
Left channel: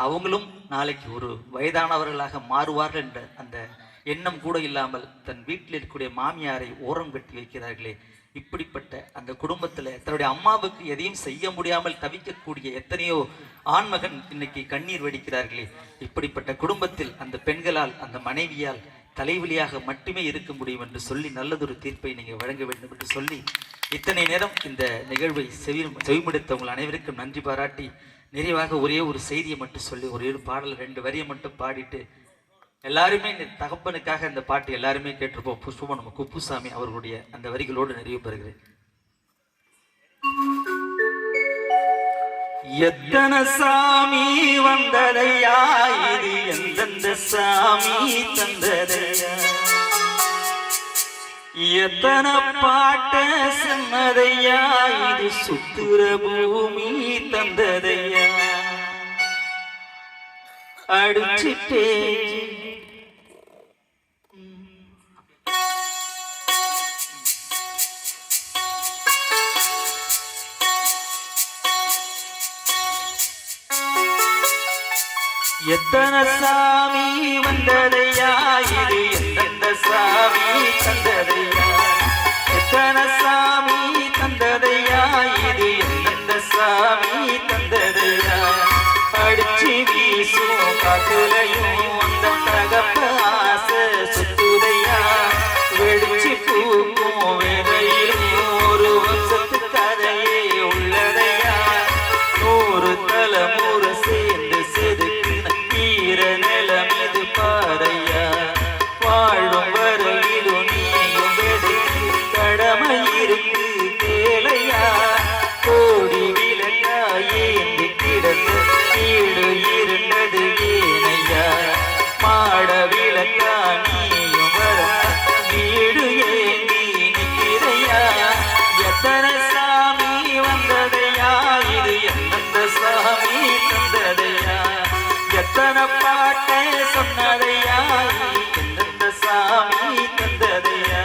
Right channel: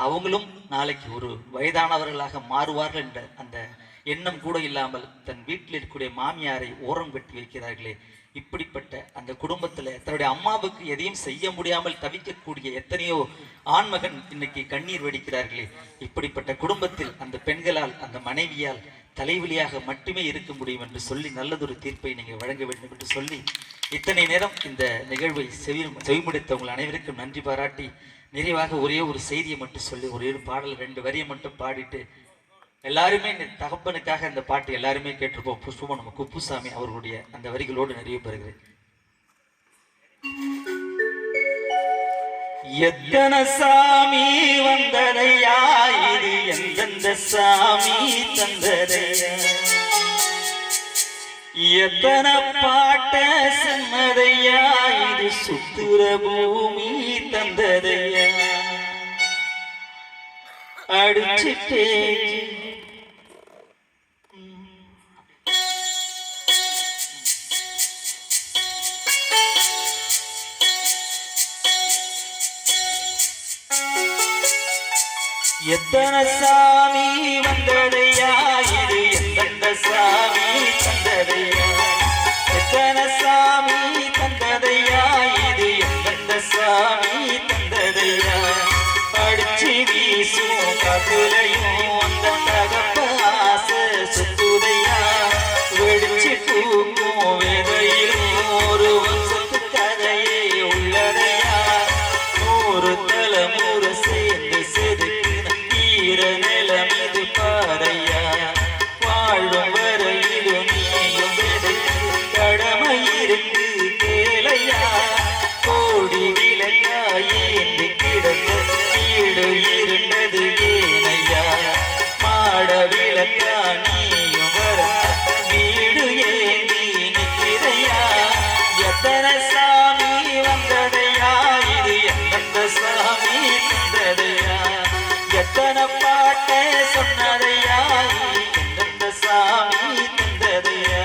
அவங்களும் நாளைக்கு ஒரு வயதானவர்களாக மாறுவார்கள் என்ற அந்த எண்ணம் கூட இல்லாமல் தன் வீட்டில் இருக்கக்கூடிய மாமியாரை ஓரம் கட்டி வைக்கிறார்களே, இப்படிப்பட்ட அந்த குடும்பத்துல தன்னுடைய அம்மாவுக்கு எதையும் செய்ய முடியாமல் தவிக்கக்கூடிய எத்தனையோ ஆண்மகன் இன்னைக்கு கண்ணீர் வடிக்கிறார்களே, இப்படிப்பட்ட குடும்பத்தில் அந்த பெண்களால் அந்த மனைவியால் தலைவலியாக மட்டுமே இருக்க முடியும் என்று சொல்லி நல்லதொரு தீர்ப்பை நீங்க வழங்க வேண்டும் என்று சொல்லி இத்தனை நேரம் இந்த நிகழ்வை செவிமடுத்த உங்கள் அனைவருக்கும் நன்றி பாராட்டி நிறைவாக ஒரே ஒரு செய்தியை மட்டும் சொல்லி ஒரே ஒரு பாடல் 2 வரியை மட்டும் பாடிட்டு எல்லாருமே தகப்பனுக்காக இந்த பாட்டு எல்லாருமே கேட்டிருப்போம். புஷ்பம் நம்ம குப்புசாமி அவர்களுடைய அந்த வரிகளோடு நிறைவு பெறுகிறேன். எத்தனை சாமி வந்ததையா இது எந்தெந்த சாமி தந்ததையா, எத்தனை பாட்ட சொன்னதையா இது சுத்துற பூமி தந்ததையா, அடிச்சிட்டே எத்தனை சாமி வந்ததையா இது எந்தெந்த சாமி தந்ததையா, எத்தனை சாமி தந்ததையா இது எந்தெந்த சாமி தந்ததையா, அடிச்சு வீசும் காத்துலையும் அந்த தகப்ப ஆசை சுத்துதையா, வெடிச்சு பூக்கும் வேதையிலும் ஒரு வம்சத்து கதையே உள்ளதையா, 100 தலைமுறை சேர்ந்து செதுக்கின ஈர நிலம் இது பாறையா, வாழும் வரையிலும் நீயும் வெடிக்கு கடமை இருக்கு கேளையா, கோடி விலங்கா ஏந்தி கிடந்த வீடு இருந்தது ஏனையா, மாட விளக்கா நீயும் வர வீடு ஏந்தி நிற்கிறையா, எத்தனை சாமி வந்ததையா இது எந்தெந்த சாமி தந்ததையா, எத்தனை பாட்டை சொன்னதையா இது எந்தெந்த சாமி தந்ததையா.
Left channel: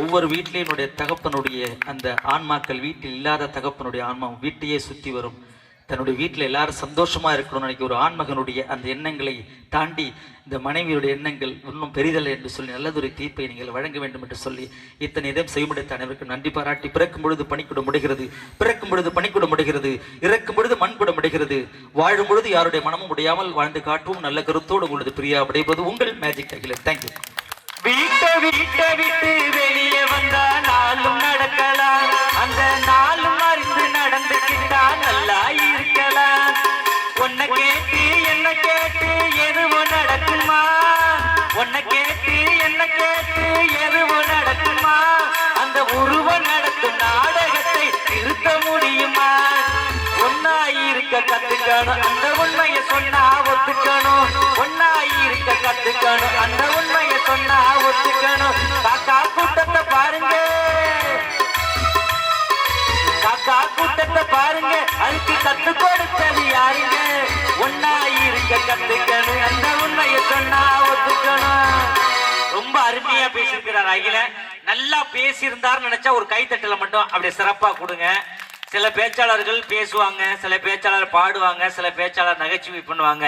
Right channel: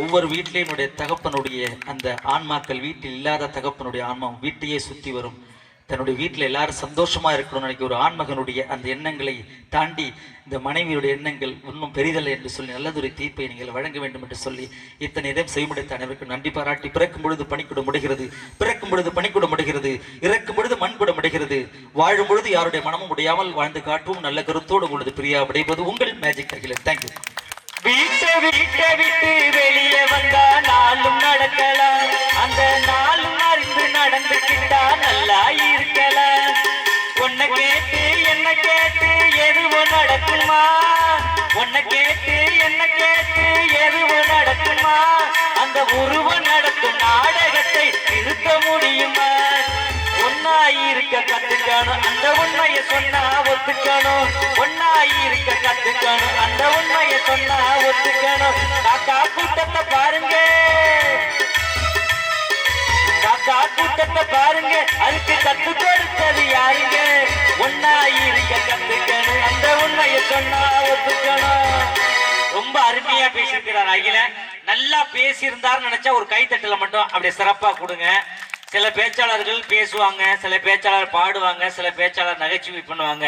ஒவ்வொரு வீட்டிலேயே தகப்பனுடைய அந்த ஆன்மாக்கள், வீட்டில் இல்லாத தகப்பனுடைய ஆன்மா வீட்டையே சுத்தி வரும். தன்னுடைய வீட்டில் எல்லாரும் சந்தோஷமா இருக்கணும்னு நினைக்க ஒரு ஆண்மகனுடைய அந்த எண்ணங்களை தாண்டி இந்த மனைவியுடைய எண்ணங்கள் இன்னும் பெரிதல்ல என்று சொல்லி நல்லதொரு தீர்ப்பை நீங்கள் வழங்க வேண்டும் என்று சொல்லி இத்தனை நேரம் செய்முடித்த அனைவருக்கும் நன்றி பாராட்டி, பிறக்கும் பொழுது பணிக்கூட முடிகிறது, பிறக்கும் பொழுது பணிக்கூட முடிகிறது, இறக்கும் பொழுது மண் கூட முடிகிறது, வாழும் பொழுது யாருடைய மனமும் முடியாமல் வாழ்ந்து காட்டுவோம். நல்ல கருத்தோடு உள்ளது பிரியா விடைபது உங்கள் மேஜிக் அகிலன். தேங்க்யூ. வீட்டை விட்டு வெளியே வந்தா நாளும் நடக்கலாம், அந்த நாளும் அறிந்து நடந்துக்கிட்டா நல்லா இருக்கலாம். உன்னை கேட்டு என்ன கேட்டு எதுவோ நடக்குமா, உன்னை கேட்டு என்ன கேட்டு எதுவோ நடக்குமா, அந்த உருவம் நடக்கும் நாடகத்தை நிறுத்த முடியுமா, ஒன்னாயிருக்க கத்துக்கணும் அந்த உண்மையை சொன்னா ஒத்துக்கணும், ஒன்னாயிருக்க கத்துக்கணும் அந்த உண்மையை சொன்னா ஒத்துக்கணும். காக்கா கூட்டத்தை பாருங்க, காக்கா கூட்டத்தை பாருங்க, அதுக்கு கத்து கொடுத்தது யாருங்க, ஒன்னாயிருக்க கத்துக்கணும் அந்த உண்மையை சொன்னா ஒத்துக்கணும். ரொம்ப அருமையா பேசியிருக்கிறார் அகிலன். நல்லா பேசியிருந்தார் நினைச்சா ஒரு கைத்தட்டல மட்டும் அப்படியே சிறப்பா கொடுங்க. சில பேச்சாளர்கள் பேசுவாங்க, சில பேச்சாளர் பாடுவாங்க, சில பேச்சாளர் நகைச்சுவை பண்ணுவாங்க.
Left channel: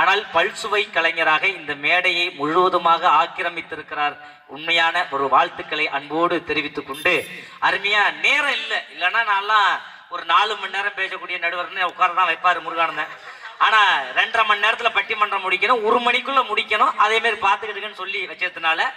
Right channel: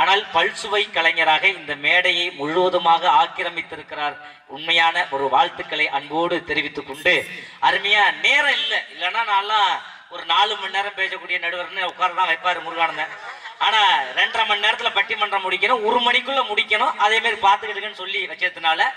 ஆனால் பல்சுவை கலைஞராக இந்த மேடையை முழுவதுமாக ஆக்கிரமித்திருக்கிறார். உண்மையான ஒரு வாழ்த்துக்களை அன்போடு தெரிவித்துக் கொண்டு, அருமையா நேரம் இல்லைன்னா நான்லாம் ஒரு 4 மணி நேரம் பேசக்கூடிய நடுவர்னு உட்கார்தான் வைப்பாரு முருகானந்தன். ஆனா 2.5 மணி நேரத்துல பட்டிமன்றம் முடிக்கணும், 1 மணிக்குள்ள முடிக்கணும், அதே மாதிரி பாத்துக்கிட்டுன்னு சொல்லி வச்சதுனால